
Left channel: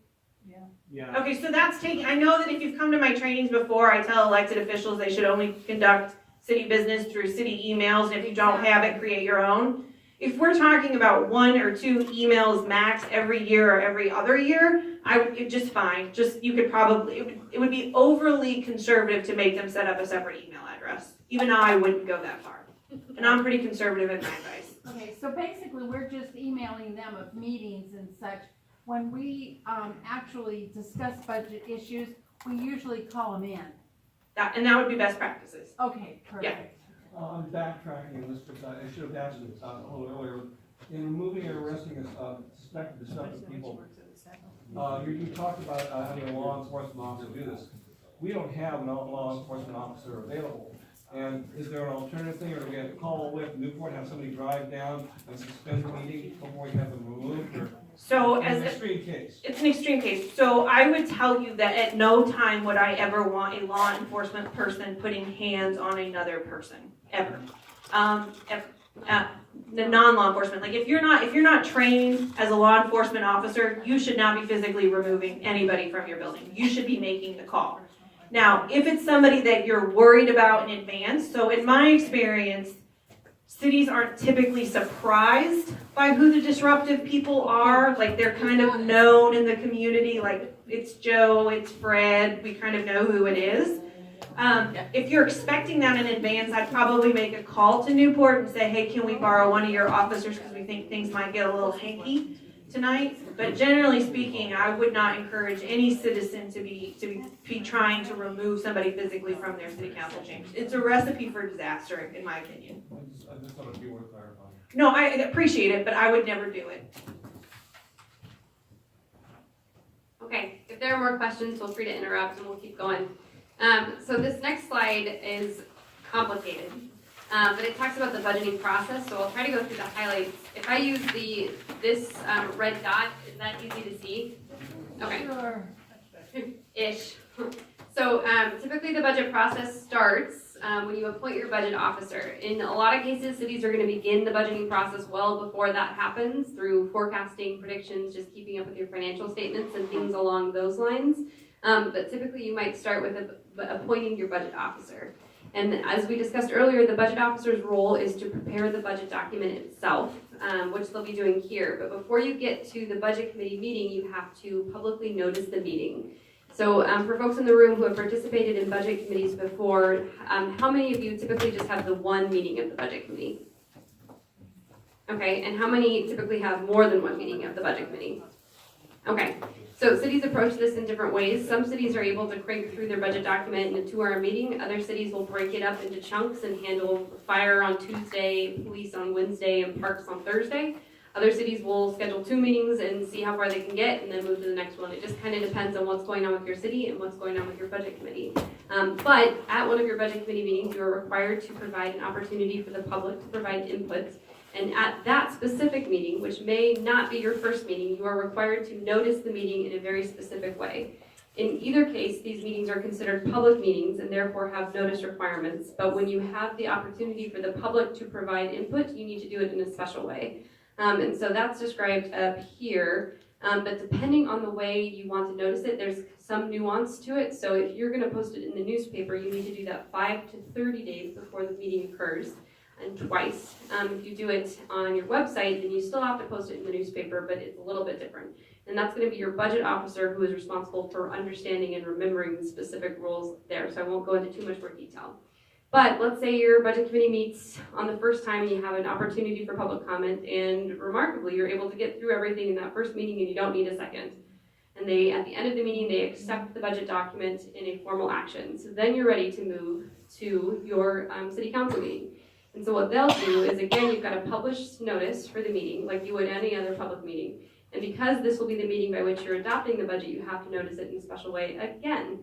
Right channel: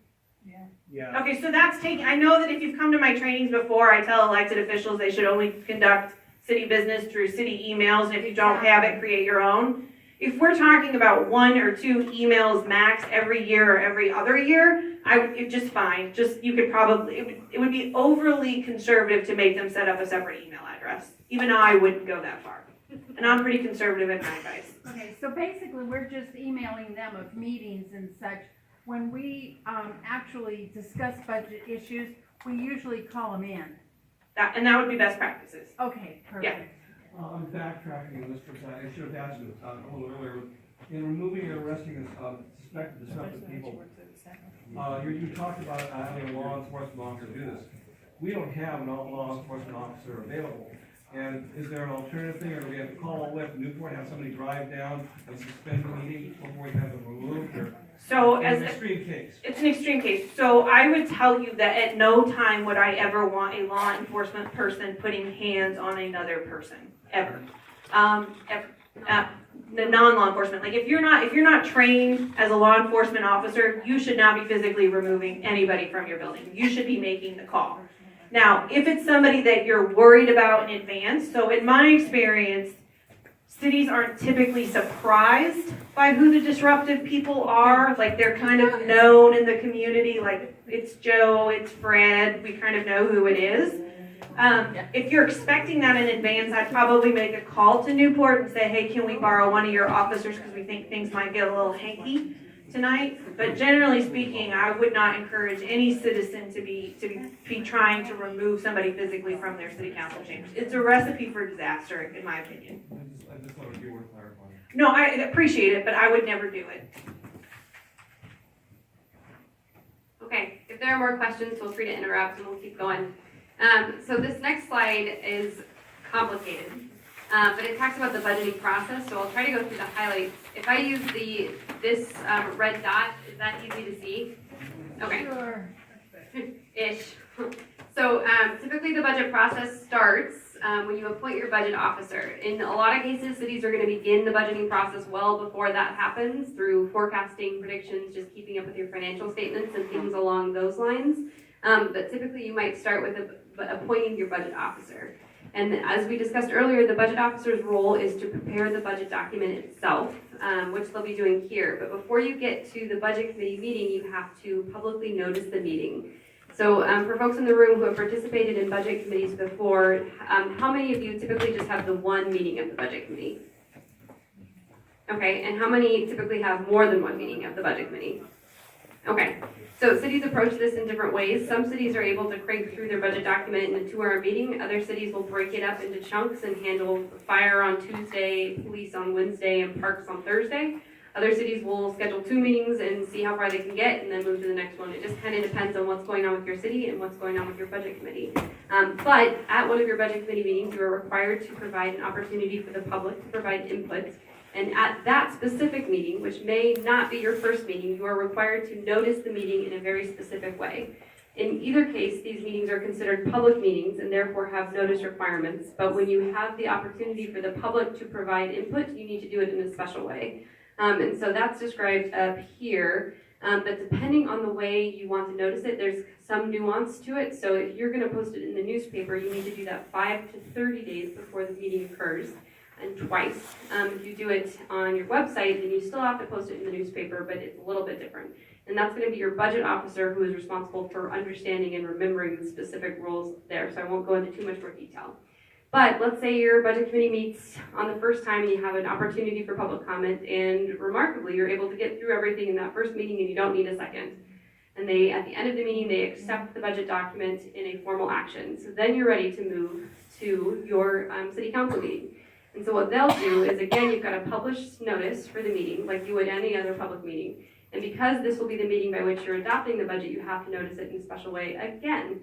Yeah. Okay, so that's I know that if you've come to my trainings before, I tell elected officials they should only conduct city business through city emails, and if you don't have it, create your own. If we're talking about 1 or 2 emails max every year or every other year, it's just fine. You could probably, it would be overly conservative to make them set up a separate email address. Even I wouldn't go that far. And I'm pretty conservative in my advice. okay, so basically we're just emailing them of meetings and such. When we actually discuss budget issues, we usually call them in. And that would be best practices. Okay, perfect. I'm backtracking this because I should have asked this a little earlier. In removing and arresting suspected disruptive people, you talked about having a law enforcement officer do this. We don't have a law enforcement officer available. And is there an alternative thing, or do we have to call with Newport, have somebody drive down and suspend the meeting before you have them removed? Or So it's an extreme case. It's an extreme case. So I would tell you that at no time would I ever want a law enforcement person putting hands on another person, ever. Ever. The non-law enforcement, like if you're not trained as a law enforcement officer, you should not be physically removing anybody from your building. You should be making the call. Now, if it's somebody that you're worried about in advance, so in my experience, cities aren't typically surprised by who the disruptive people are. Like they're kind of known in the community, like it's Joe, it's Fred, we kind of know who it is. If you're expecting that in advance, I'd probably make a call to Newport and say, hey, can we borrow one of your officers because we think things might get a little hanky tonight. But generally speaking, I would not encourage any citizen to be trying to remove somebody physically from their city council chambers. It's a recipe for disaster, in my opinion. I just thought it'd be worth clarifying. No, I appreciate it, but I would never do it. Okay, if there are more questions, feel free to interrupt and we'll keep going. So this next slide is complicated, but it talks about the budgeting process, so I'll try to go through the highlights. If I use this red dot, is that easy to see? Okay. Sure. Ish. So typically the budget process starts when you appoint your budget officer. In a lot of cases, cities are going to begin the budgeting process well before that happens through forecasting, predictions, just keeping up with your financial statements and things along those lines. But typically you might start with appointing your budget officer. And as we discussed earlier, the budget officer's role is to prepare the budget document itself, which they'll be doing here. But before you get to the budget committee meeting, you have to publicly notice the meeting. So for folks in the room who have participated in budget committees before, how many of you typically just have the one meeting of the budget committee? Okay, and how many typically have more than one meeting of the budget committee? Okay, so cities approach this in different ways. Some cities are able to crank through their budget document in a 2-hour meeting. Other cities will break it up into chunks and handle fire on Tuesday, police on Wednesday, and parks on Thursday. Other cities will schedule 2 meetings and see how far they can get and then move to the next one. It just kind of depends on what's going on with your city and what's going on with your budget committee. But at one of your budget committee meetings, you are required to provide an opportunity for the public to provide input. And at that specific meeting, which may not be your first meeting, you are required to notice the meeting in a very specific way. In either case, these meetings are considered public meetings and therefore have notice requirements. But when you have the opportunity for the public to provide input, you need to do it in a special way. And so that's described up here. But depending on the way you want to notice it, there's some nuance to it. So if you're going to post it in the newspaper, you need to do that 5 to 30 days before the meeting occurs. And twice. If you do it on your website, then you still have to post it in the newspaper, but it's a little bit different. And that's going to be your budget officer who is responsible for understanding and remembering the specific rules there. So I won't go into too much more detail. But let's say your budget committee meets on the first time and you have an opportunity for public comment, and remarkably, you're able to get through everything in that first meeting and you don't need a second. And at the end of the meeting, they accept the budget document in a formal action. So then you're ready to move to your city council meeting. And so what they'll do is, again, you've got a published notice for the meeting, like you would any other public meeting. And because this will be the meeting by which you're adopting the budget, you have to notice it in a special way again.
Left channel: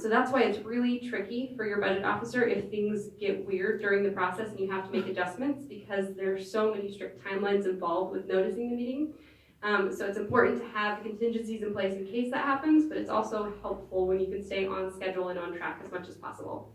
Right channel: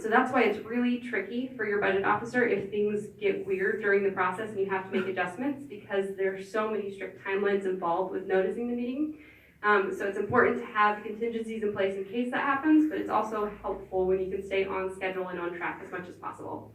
So that's why it's really tricky for your budget officer if things get weird during the process and you have to make adjustments, because there's so many strict timelines involved with noticing the meeting. So it's important to have contingencies in place in case that happens, but it's also helpful when you can stay on schedule and on track as much as possible.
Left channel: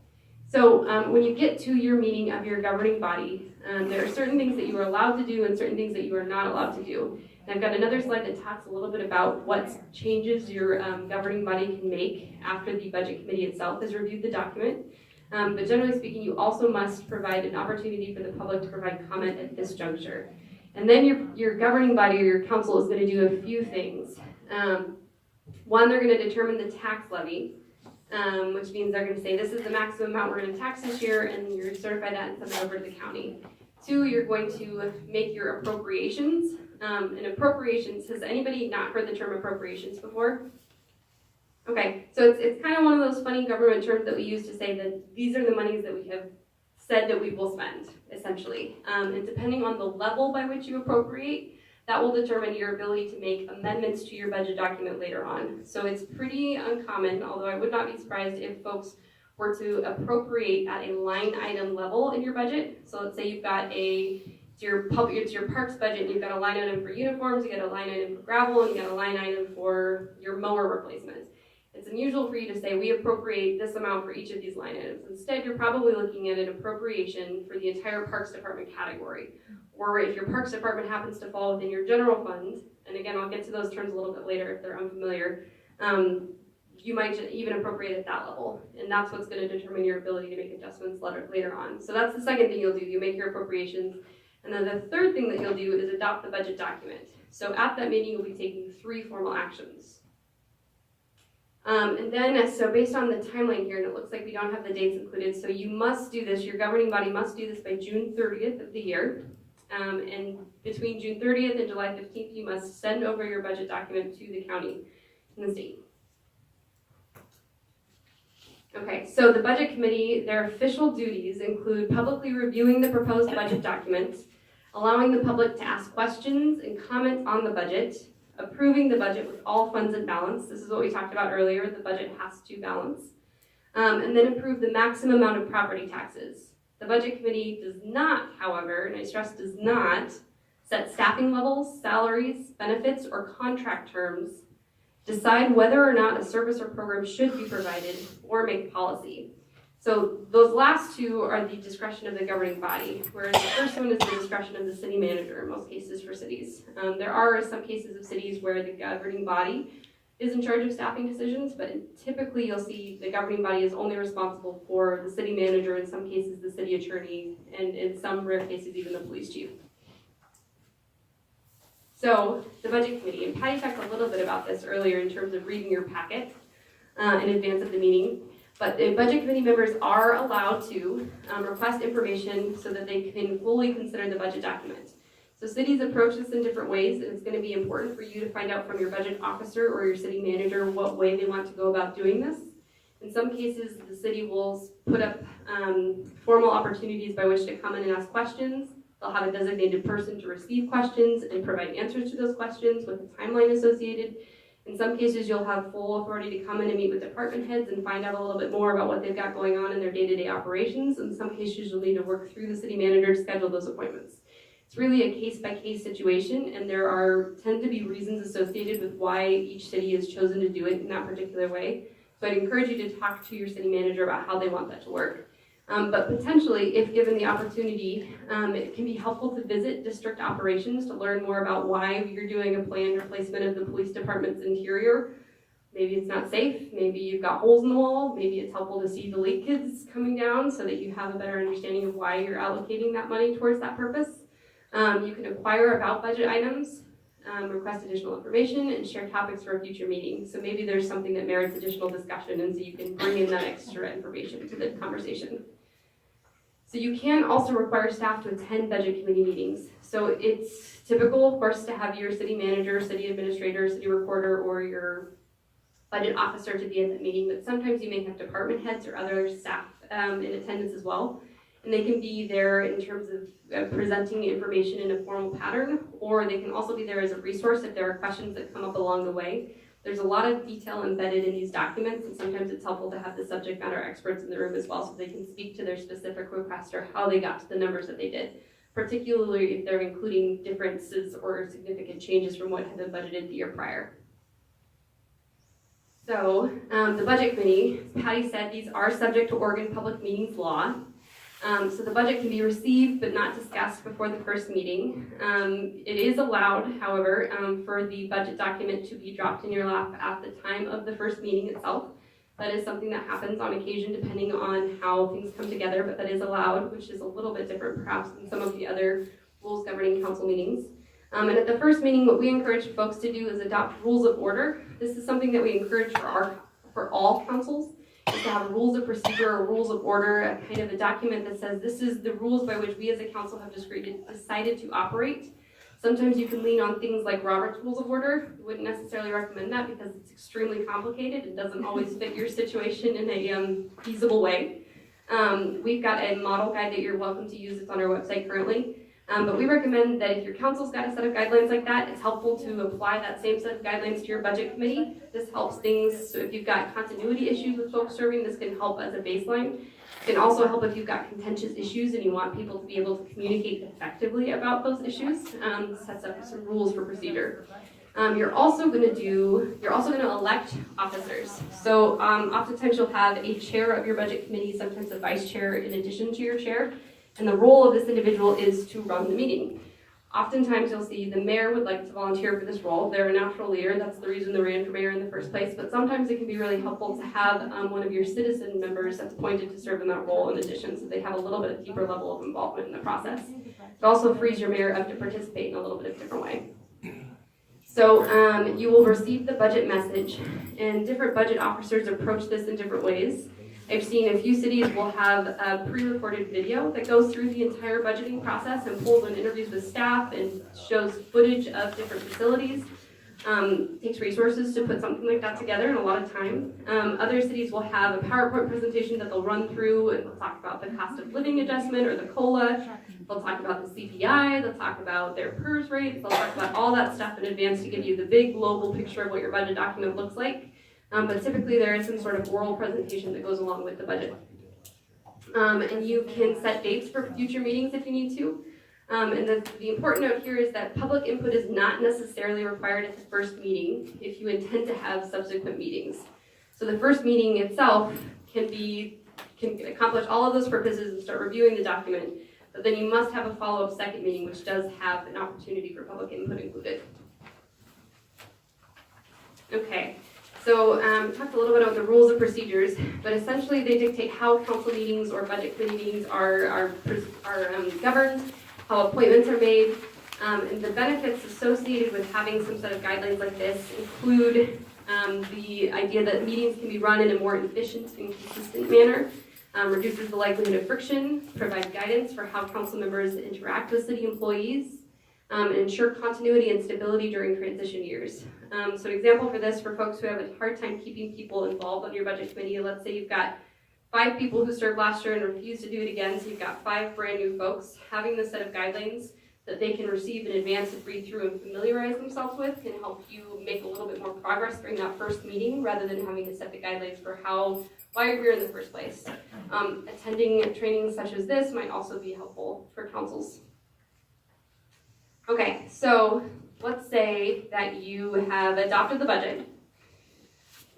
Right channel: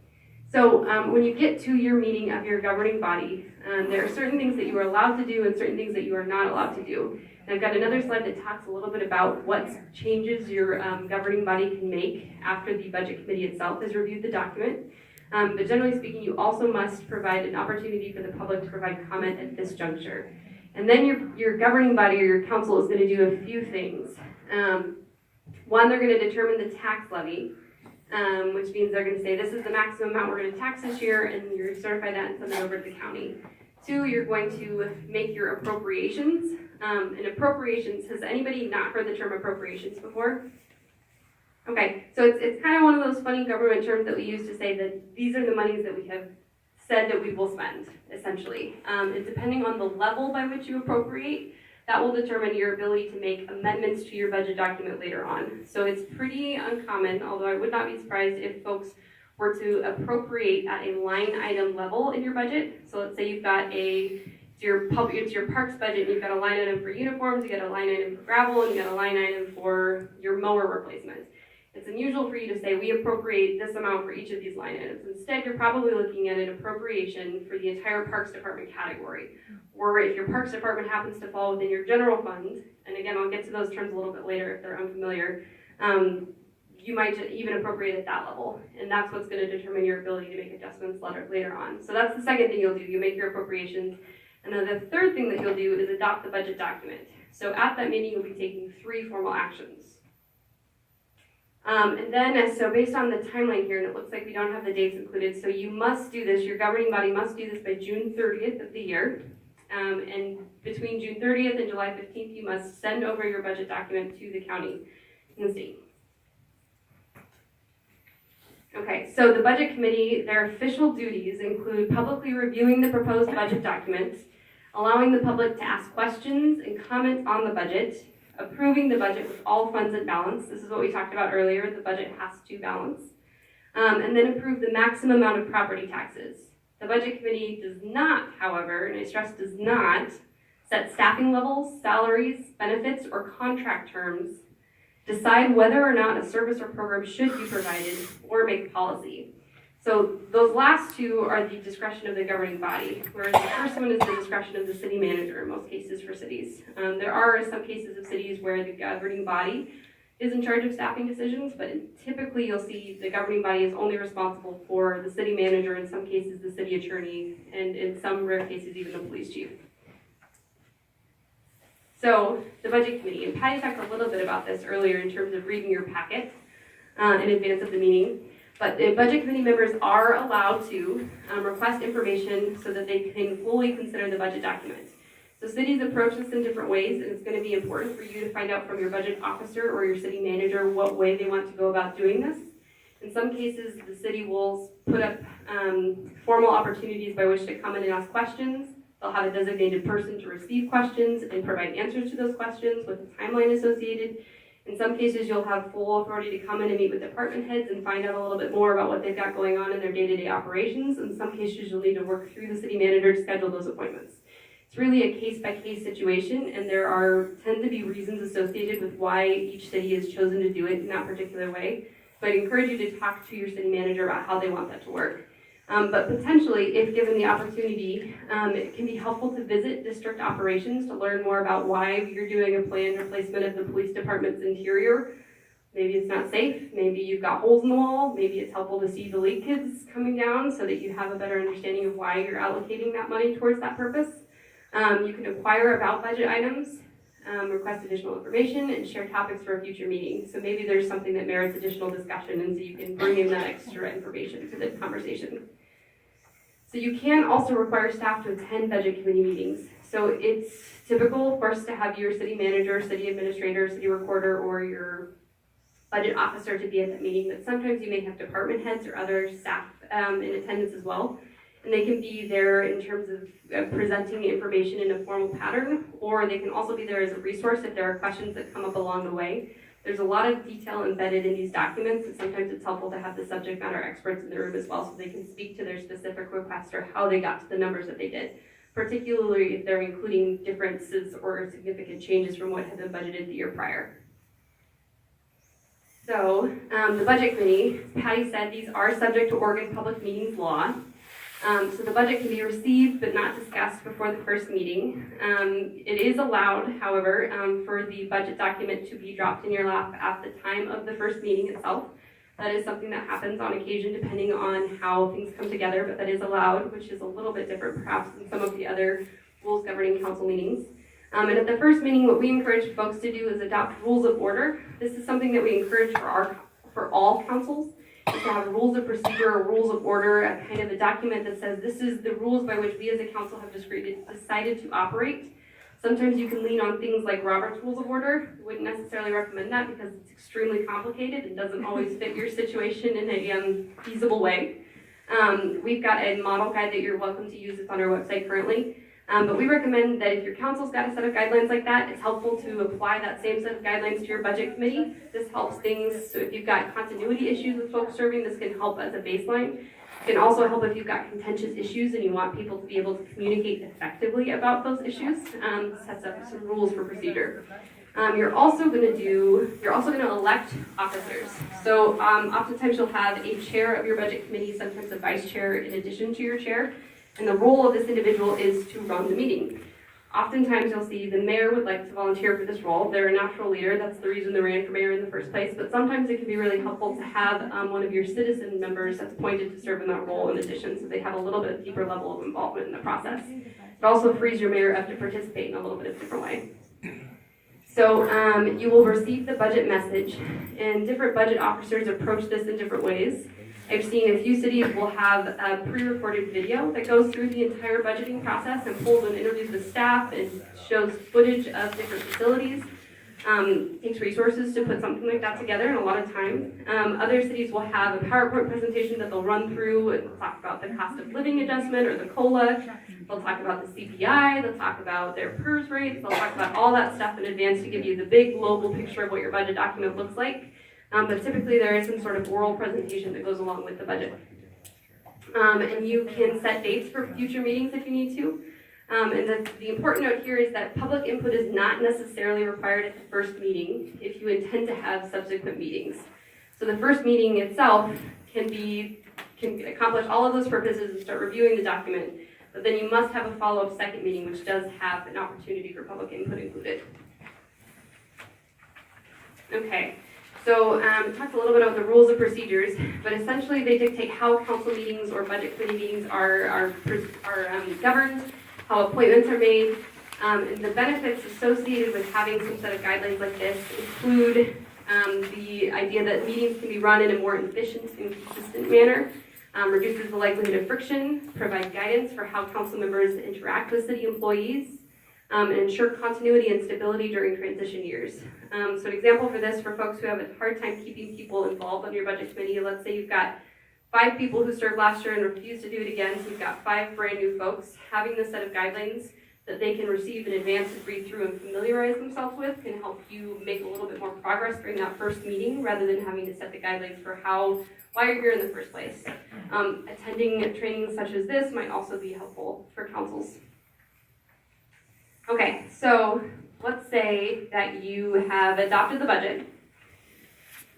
So when you get to your meeting of your governing body, there are certain things that you are allowed to do and certain things that you are not allowed to do. And I've got another slide that talks a little bit about what changes your governing body can make after the budget committee itself has reviewed the document. But generally speaking, you also must provide an opportunity for the public to provide comment at this juncture. And then your governing body or your council is going to do a few things. One, they're going to determine the tax levy. Which means they're going to say this is the maximum amount we're going to tax this year, and you're certify that and send it over to the county. 2, you're going to make your appropriations. And appropriations, has anybody not heard the term appropriations before? Okay, so it's kind of one of those funny government terms that we use to say that these are the monies that we have said that we will spend, essentially. And depending on the level by which you appropriate, that will determine your ability to make amendments to your budget document later on. So it's pretty uncommon, although I would not be surprised if folks were to appropriate at a line item level in your budget. So let's say you've got it's your parks budget, and you've got a line item for uniforms, you got a line item for gravel, and you got a line item for your mower replacement. It's unusual for you to say, we appropriate this amount for each of these line items. Instead, you're probably looking at an appropriation for the entire Parks Department category. Or if your Parks Department happens to fall within your general fund, and again, I'll get to those terms a little bit later if they're unfamiliar, you might even appropriate at that level. And that's what's gonna determine your ability to make adjustments later on. So that's the second thing you'll do, you make your appropriations. And then the third thing that you'll do is adopt the budget document. So at that meeting, you'll be taking 3 formal actions. And then, so based on the timeline here, and it looks like we don't have the dates included, so you must do this, your governing body must do this by June 30th of the year. And between June 30th and July 15th, you must send over your budget document to the county and the state. Okay, so the budget committee, their official duties include publicly reviewing the proposed budget documents, allowing the public to ask questions and comment on the budget, approving the budget with all funds in balance. This is what we talked about earlier, the budget has to balance. And then approve the maximum amount of property taxes. The budget committee does not, however, and I stress does not, set staffing levels, salaries, benefits, or contract terms, decide whether or not a service or program should be provided, or make policy. So those last two are the discretion of the governing body, whereas the first one is the discretion of the city manager in most cases for cities. There are some cases of cities where the governing body is in charge of staffing decisions, but typically you'll see the governing body is only responsible for the city manager, in some cases the city attorney, and in some rare cases even the police chief. So the budget committee, and Patty talked a little bit about this earlier in terms of reading your packet in advance of the meeting. But the budget committee members are allowed to request information so that they can fully consider the budget document. So cities approach this in different ways, and it's going to be important for you to find out from your budget officer or your city manager what way they want to go about doing this. In some cases, the city will put up formal opportunities by which to come in and ask questions. They'll have a designated person to receive questions and provide answers to those questions with a timeline associated. In some cases, you'll have full authority to come in and meet with department heads and find out a little bit more about what they've got going on in their day-to-day operations. In some cases, you'll need to work through the city manager to schedule those appointments. It's really a case-by-case situation, and there tend to be reasons associated with why each city has chosen to do it in that particular way. So I'd encourage you to talk to your city manager about how they want that to work. But potentially, if given the opportunity, it can be helpful to visit district operations to learn more about why you're doing a planned replacement of the police department's interior. Maybe it's not safe, maybe you've got holes in the wall, maybe it's helpful to see the leak kids coming down so that you have a better understanding of why you're allocating that money towards that purpose. You can inquire about budget items, request additional information, and share topics for a future meeting. So maybe there's something that merits additional discussion, and so you can bring in that extra information to the conversation. So you can also require staff to attend budget committee meetings. So it's typical, of course, to have your city manager, city administrator, city recorder, or your budget officer to be at the meeting, but sometimes you may have department heads or other staff in attendance as well. And they can be there in terms of presenting information in a formal pattern, or they can also be there as a resource if there are questions that come up along the way. There's a lot of detail embedded in these documents, and sometimes it's helpful to have the subject matter experts in the room as well so they can speak to their specific request or how they got to the numbers that they did, particularly if they're including differences or significant changes from what had been budgeted the year prior. So the budget committee, as Patty said, these are subject to Oregon Public Meetings Law. So the budget can be received but not discussed before the first meeting. It is allowed, however, for the budget document to be dropped in your lap at the time of the first meeting itself. That is something that happens on occasion depending on how things come together, but that is allowed, which is a little bit different perhaps than some of the other rules governing council meetings. And at the first meeting, what we encourage folks to do is adopt rules of order. This is something that we encourage for all councils. To have rules of procedure or rules of order, a kind of a document that says this is the rules by which we as a council have decided to operate. Sometimes you can lean on things like Robert's Rules of Order. Wouldn't necessarily recommend that because it's extremely complicated and doesn't always fit your situation in a feasible way. We've got a model guide that you're welcome to use. It's on our website currently. But we recommend that if your council's got a set of guidelines like that, it's helpful to apply that same set of guidelines to your budget committee. This helps things, so if you've got continuity issues with folks serving, this can help as a baseline. It can also help if you've got contentious issues and you want people to be able to communicate effectively about those issues. Sets up some rules for procedure. You're also going to elect officers. So oftentimes you'll have a chair of your budget committee, sometimes a vice chair in addition to your chair, and the role of this individual is to run the meeting. Oftentimes you'll see the mayor would like to volunteer for this role. They're a natural leader. That's the reason they ran for mayor in the first place. But sometimes it can be really helpful to have one of your citizen members that's appointed to serve in that role in addition, so they have a little bit of deeper level of involvement in the process. It also frees your mayor up to participate in a little bit of a different way. So you will receive the budget message, and different budget officers approach this in different ways. I've seen a few cities will have a pre-recorded video that goes through the entire budgeting process and pulls and interviews the staff and shows footage of different facilities. Takes resources to put something like that together and a lot of time. Other cities will have a PowerPoint presentation that they'll run through and they'll talk about the cost of living adjustment or the COLA. They'll talk about the CPI, they'll talk about their PERS rates, they'll talk about all that stuff in advance to give you the big global picture of what your budget document looks like. But typically there is some sort of oral presentation that goes along with the budget. And you can set dates for future meetings if you need to. And the important note here is that public input is not necessarily required at the first meeting if you intend to have subsequent meetings. So the first meeting itself can accomplish all of those purposes and start reviewing the document, but then you must have a follow-up second meeting which does have an opportunity for public input included. Okay. So we talked a little bit about the rules of procedures, but essentially they dictate how council meetings or budget committee meetings are governed, how appointments are made, and the benefits associated with having some set of guidelines like this include the idea that meetings can be run in a more efficient and consistent manner, reduces the likelihood of friction, provide guidance for how council members interact with city employees, and ensure continuity and stability during transition years. So an example for this, for folks who have a hard time keeping people involved on your budget committee, let's say you've got 5 people who served last year and refused to do it again, so you've got 5 brand new folks. Having this set of guidelines that they can receive in advance and read through and familiarize themselves with can help you make a little bit more progress during that first meeting rather than having to set the guidelines for why you're here in the first place. Attending trainings such as this might also be helpful for councils. Okay, so let's say that you have adopted the budget,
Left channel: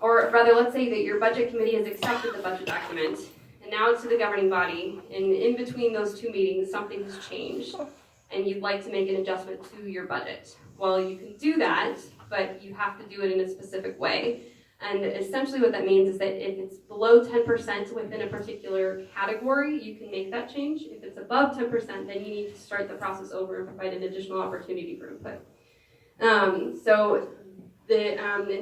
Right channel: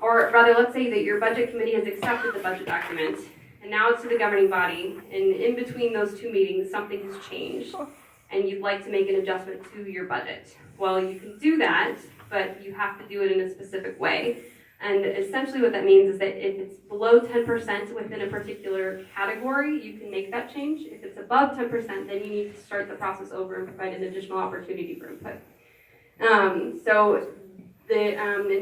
or rather let's say that your budget committee has accepted the budget document, and now it's to the governing body, and in between those 2 meetings something has changed, and you'd like to make an adjustment to your budget. Well, you can do that, but you have to do it in a specific way. And essentially what that means is that if it's below 10% within a particular category, you can make that change. If it's above 10%, then you need to start the process over and provide an additional opportunity for input. In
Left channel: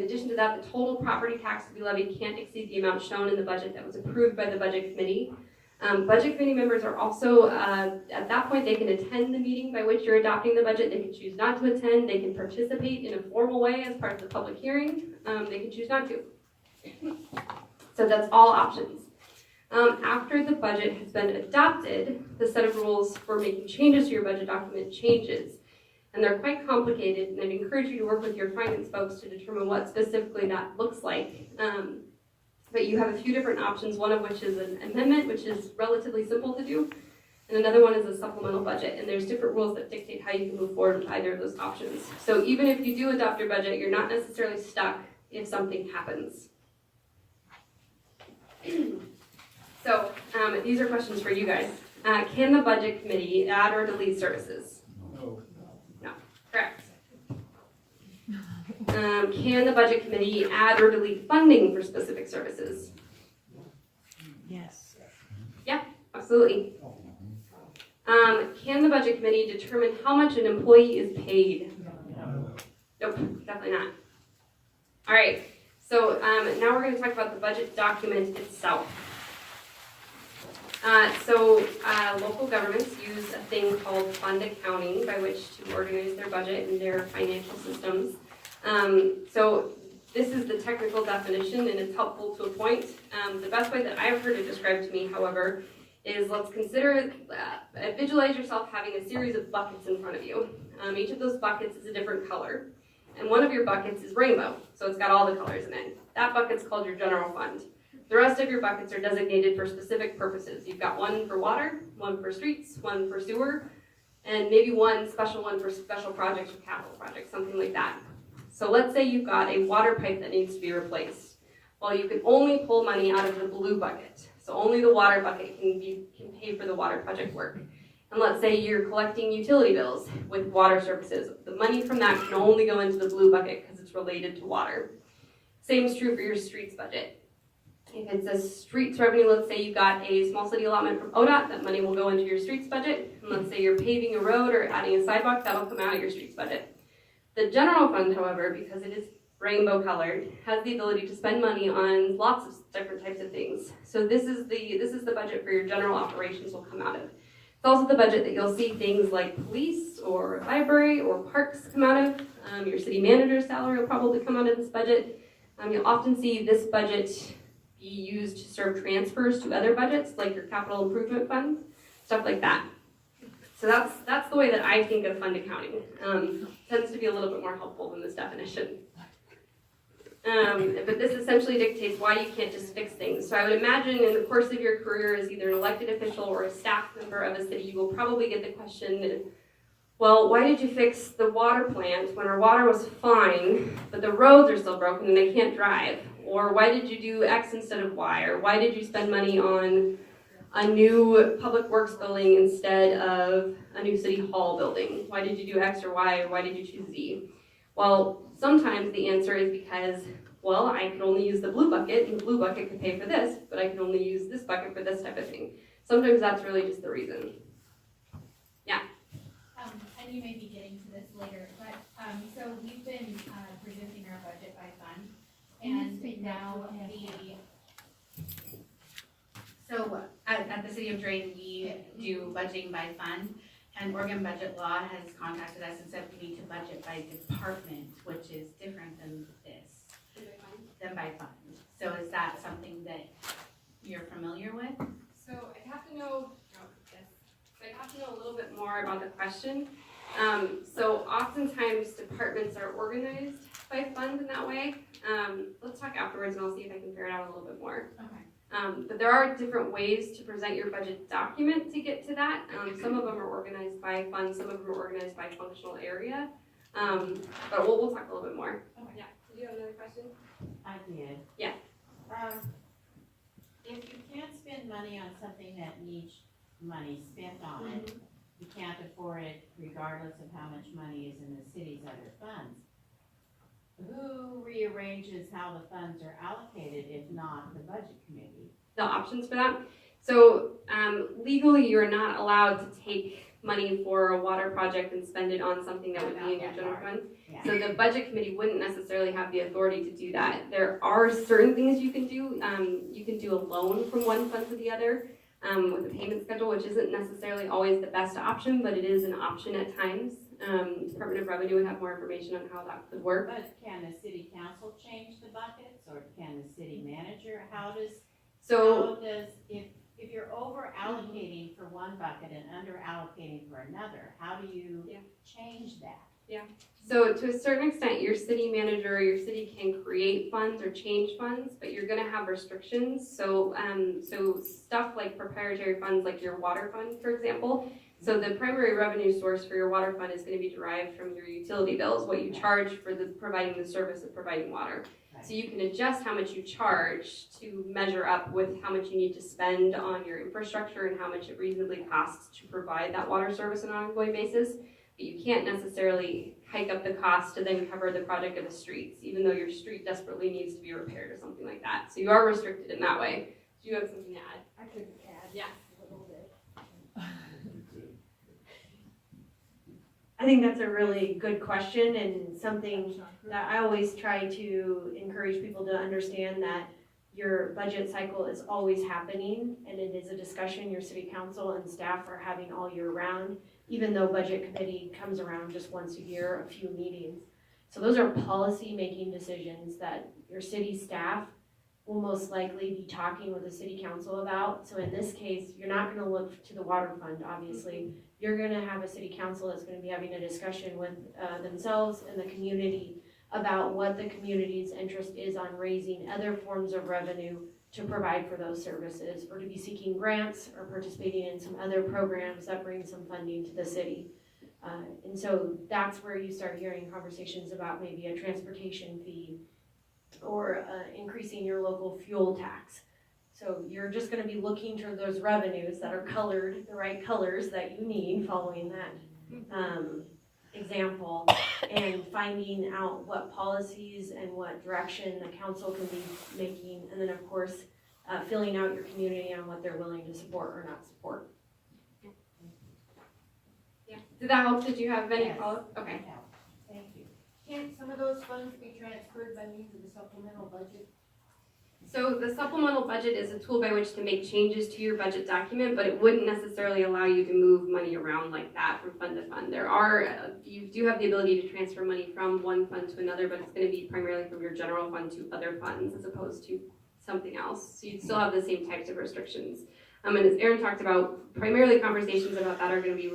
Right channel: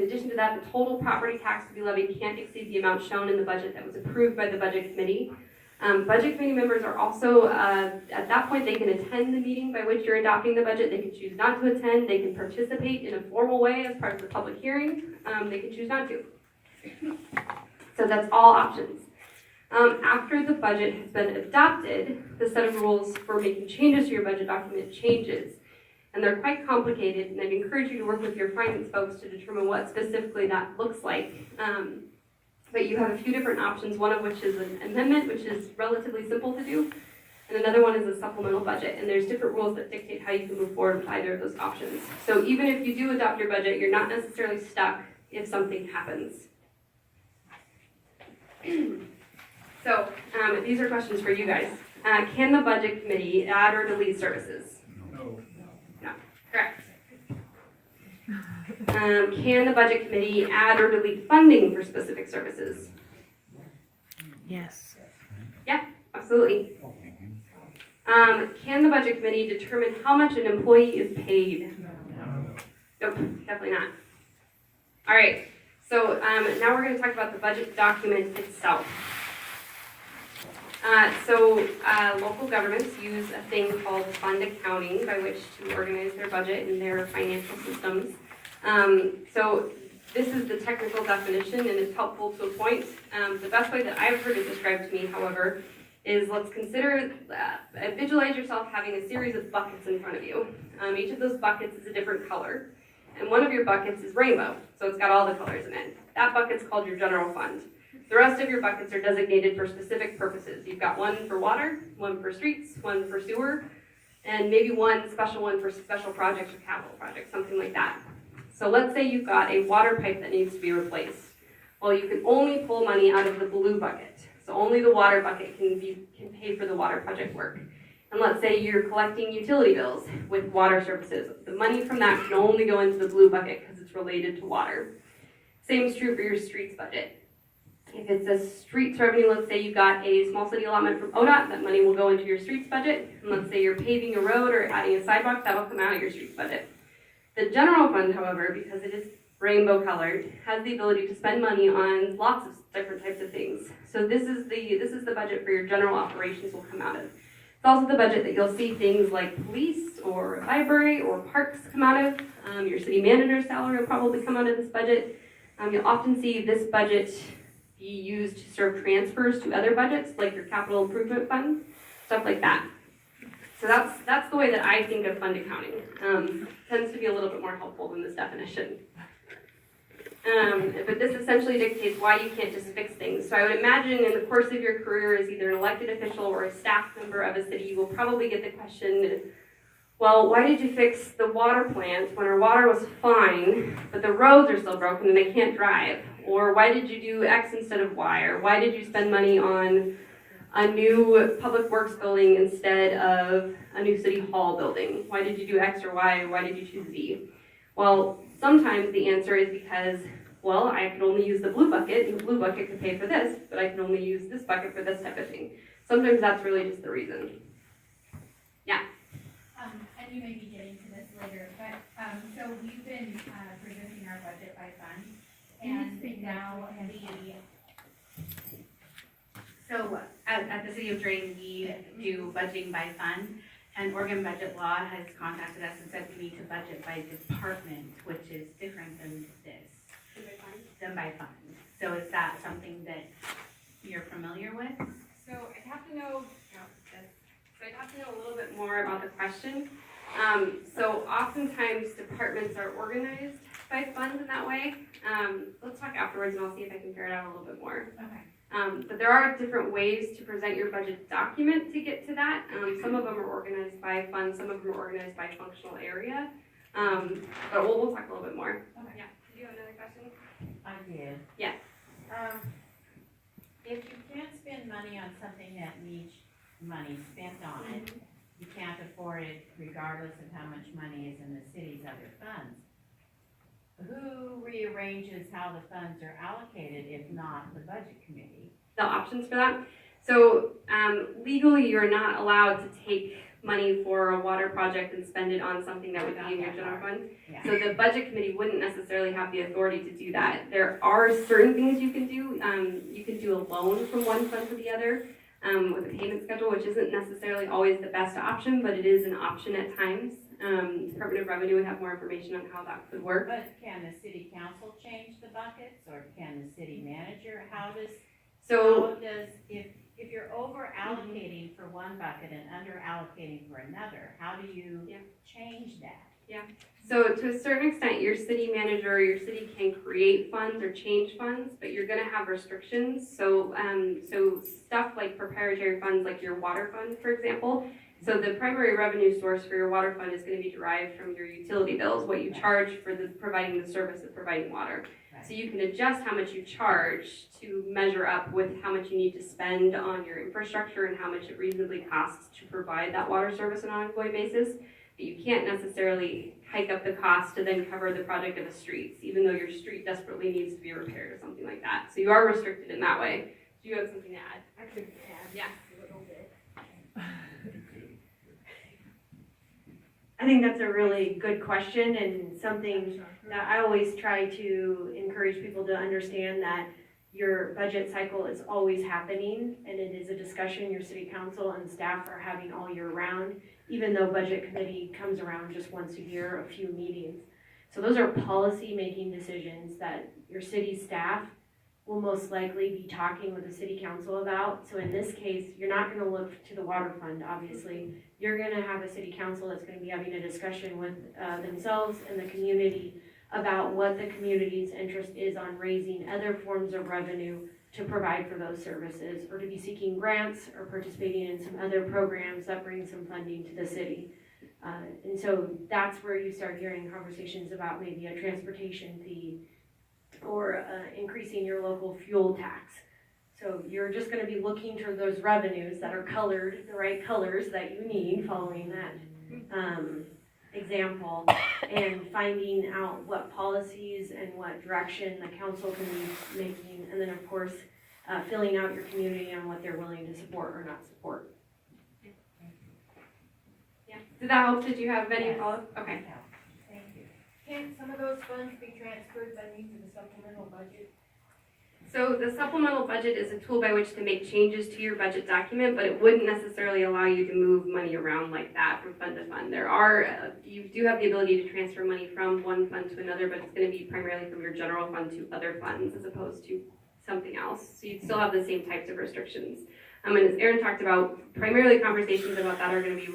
addition to that, the total property tax to be levied can't exceed the amount shown in the budget that was approved by the budget committee. Budget committee members are also, at that point, they can attend the meeting by which you're adopting the budget. They can choose not to attend. They can participate in a formal way as part of the public hearing. They can choose not to. So that's all options. After the budget has been adopted, the set of rules for making changes to your budget document changes. And they're quite complicated, and I'd encourage you to work with your finance folks to determine what specifically that looks like. But you have a few different options, one of which is an amendment, which is relatively simple to do, and another one is a supplemental budget, and there's different rules that dictate how you can move forward with either of those options. So even if you do adopt your budget, you're not necessarily stuck if something happens. So these are questions for you guys. Can the budget committee add or delete services? No. No, correct. Can the budget committee add or delete funding for specific services? Yes. Yeah, absolutely. Can the budget committee determine how much an employee is paid? Nope, definitely not. All right, so now we're going to talk about the budget document itself. Local governments use a thing called fund accounting by which to organize their budget and their financial systems. So this is the technical definition, and it's helpful to a point. The best way that I've heard it described to me, however, is let's consider, visualize yourself having a series of buckets in front of you. Each of those buckets is a different color, and one of your buckets is rainbow, so it's got all the colors in it. That bucket's called your general fund. The rest of your buckets are designated for specific purposes. You've got one for water, one for streets, one for sewer, and maybe one special one for special projects or capital projects, something like that. So let's say you've got a water pipe that needs to be replaced. Well, you can only pull money out of the blue bucket. So only the water bucket can pay for the water project work. And let's say you're collecting utility bills with water services. The money from that can only go into the blue bucket because it's related to water. Same is true for your streets budget. If it's a streets revenue, let's say you got a small city allotment from ODOT, that money will go into your streets budget. And let's say you're paving a road or adding a sidewalk, that'll come out of your streets budget. The general fund, however, because it is rainbow colored, has the ability to spend money on lots of different types of things. So this is the budget for your general operations will come out of. It's also the budget that you'll see things like police or library or parks come out of. Your city manager's salary will probably come out of this budget. You'll often see this budget be used to serve transfers to other budgets, like your capital improvement fund, stuff like that. So that's the way that I think of fund accounting. Tends to be a little bit more helpful than this definition. But this essentially dictates why you can't just fix things. So I would imagine in the course of your career as either an elected official or a staff member of a city, you will probably get the question, well, why did you fix the water plant when our water was fine, but the roads are still broken and they can't drive? Or why did you do X instead of Y? Or why did you spend money on a new public works building instead of a new city hall building? Why did you do X or Y, or why did you choose Z? Well, sometimes the answer is because, well, I could only use the blue bucket, and the blue bucket could pay for this, but I could only use this bucket for this type of thing. Sometimes that's really just the reason. Yeah. And you may be getting to this later, but, so we've been, presenting our budget by fund, and now so at the City of Drayton, we do budgeting by fund, and Oregon Budget Law has contacted us and said we need to budget by department, which is different than this, than by fund. So is that something that you're familiar with? So I'd have to know, I'd have to know a little bit more about the question. So oftentimes departments are organized by funds in that way. Let's talk afterwards and I'll see if I can figure it out a little bit more. Okay. But there are different ways to present your budget document to get to that. Some of them are organized by fund, some of them are organized by functional area. But we'll talk a little bit more. Okay. Yeah. Did you have another question? I did. Yeah. If you can't spend money on something that needs money spent on it, you can't afford it regardless of how much money is in the city's other funds. Who rearranges how the funds are allocated if not the budget committee? The options for that. So legally, you're not allowed to take money for a water project and spend it on something that would be in your general fund. Yeah. So the budget committee wouldn't necessarily have the authority to do that. There are certain things you can do. You can do a loan from one fund to the other with a payment schedule, which isn't necessarily always the best option, but it is an option at times. Department of Revenue would have more information on how that could work. But can the city council change the buckets, or can the city manager? If you're over allocating for one bucket and under allocating for another, how do you change that? So to a certain extent, your city manager or your city can create funds or change funds, but you're gonna have restrictions. So stuff like proprietary funds, like your water fund, for example. So the primary revenue source for your water fund is gonna be derived from your utility bills, what you charge for providing the service of providing water. So you can adjust how much you charge to measure up with how much you need to spend on your infrastructure and how much it reasonably costs to provide that water service on an ongoing basis. But you can't necessarily hike up the cost to then cover the project of a street, even though your street desperately needs to be repaired or something like that. So you are restricted in that way. Do you have something to add? I could add. Yeah. A little bit. I think that's a really good question and something that I always try to encourage people to understand, that your budget cycle is always happening and it is a discussion your city council and staff are having all year round, even though budget committee comes around just once a year, a few meetings. So those are policy making decisions that your city staff will most likely be talking with the city council about. So in this case, you're not gonna look to the water fund, obviously. You're gonna have a city council that's gonna be having a discussion with themselves and the community about what the community's interest is on raising other forms of revenue to provide for those services, or to be seeking grants or participating in some other programs that bring some funding to the city. And so that's where you start hearing conversations about maybe a transportation fee or increasing your local fuel tax. So you're just gonna be looking to those revenues that are colored, the right colors that you need following that example, and finding out what policies and what direction the council can be making, and then of course, filling out your community on what they're willing to support or not support. Yeah. Did that help? Did you have any Yes. follow-up? Okay. Thank you. Can some of those funds be transferred by means of a supplemental budget? So the supplemental budget is a tool by which to make changes to your budget document, but it wouldn't necessarily allow you to move money around like that from fund to fund. You do have the ability to transfer money from one fund to another, but it's gonna be primarily from your general fund to other funds as opposed to something else. So you'd still have the same types of restrictions. And as Erin talked about, primarily conversations about that are gonna be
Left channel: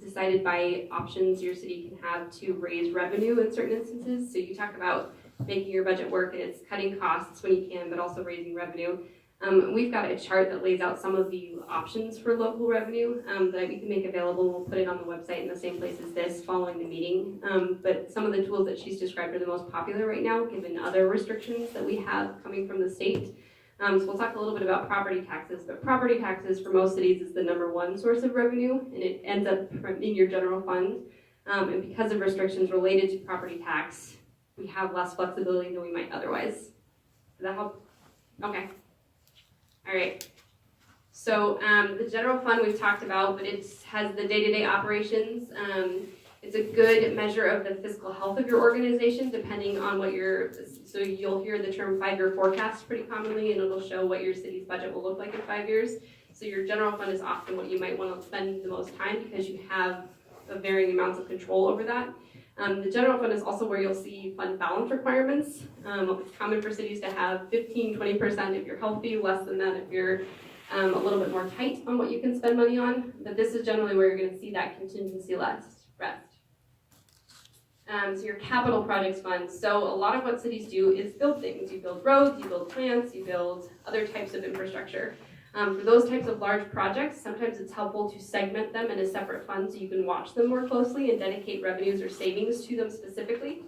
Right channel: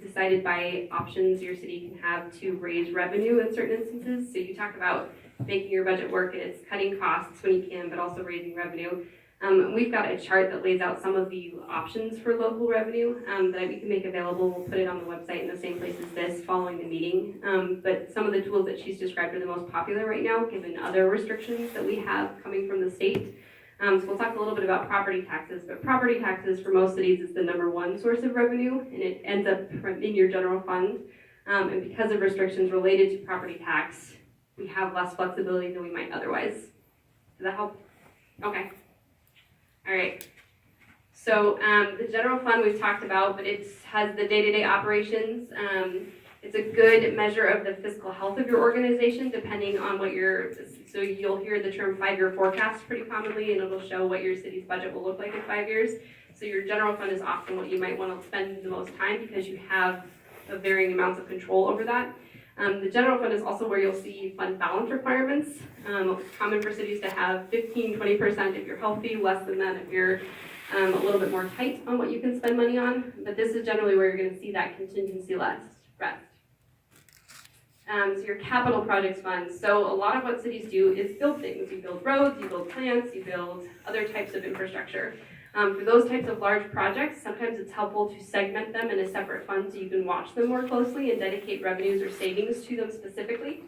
decided by options your city can have to raise revenue in certain instances. So you talk about making your budget work and it's cutting costs when you can, but also raising revenue. We've got a chart that lays out some of the options for local revenue that we can make available. We'll put it on the website in the same place as this following the meeting. But some of the tools that she's described are the most popular right now, given other restrictions that we have coming from the state. So we'll talk a little bit about property taxes, but property taxes for most cities is the #1 source of revenue, and it ends up in your general fund. And because of restrictions related to property tax, we have less flexibility than we might otherwise. Does that help? Okay. All right. So the general fund we've talked about, but it has the day-to-day operations. It's a good measure of the fiscal health of your organization, depending on what so you'll hear the term 5-year forecast pretty commonly, and it'll show what your city's budget will look like in 5 years. So your general fund is often what you might want to spend the most time because you have the varying amounts of control over that. The general fund is also where you'll see fund balance requirements. It's common for cities to have 15-20% if you're healthy, less than that if you're a little bit more tight on what you can spend money on. But this is generally where you're going to see that contingency rest. So your capital projects fund. So a lot of what cities do is build things. You build roads, you build plants, you build other types of infrastructure. For those types of large projects, sometimes it's helpful to segment them in a separate fund so you can watch them more closely and dedicate revenues or savings to them specifically.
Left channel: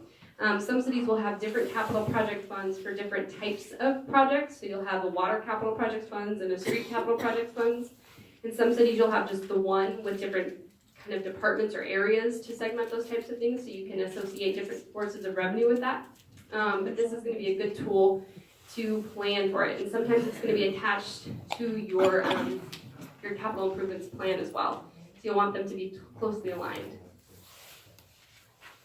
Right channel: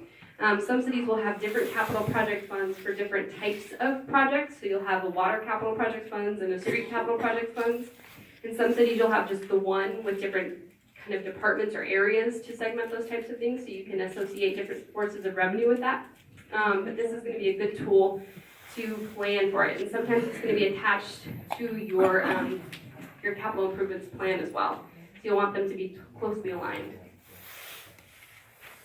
Some cities will have different capital project funds for different types of projects. So you'll have a water capital project funds and a street capital project funds. In some cities, you'll have just the one with different kind of departments or areas to segment those types of things so you can associate different sources of revenue with that. But this is going to be a good tool to plan for it, and sometimes it's going to be attached to your capital improvements plan as well. So you'll want them to be closely aligned.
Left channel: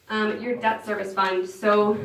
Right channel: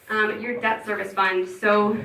Your debt service fund. So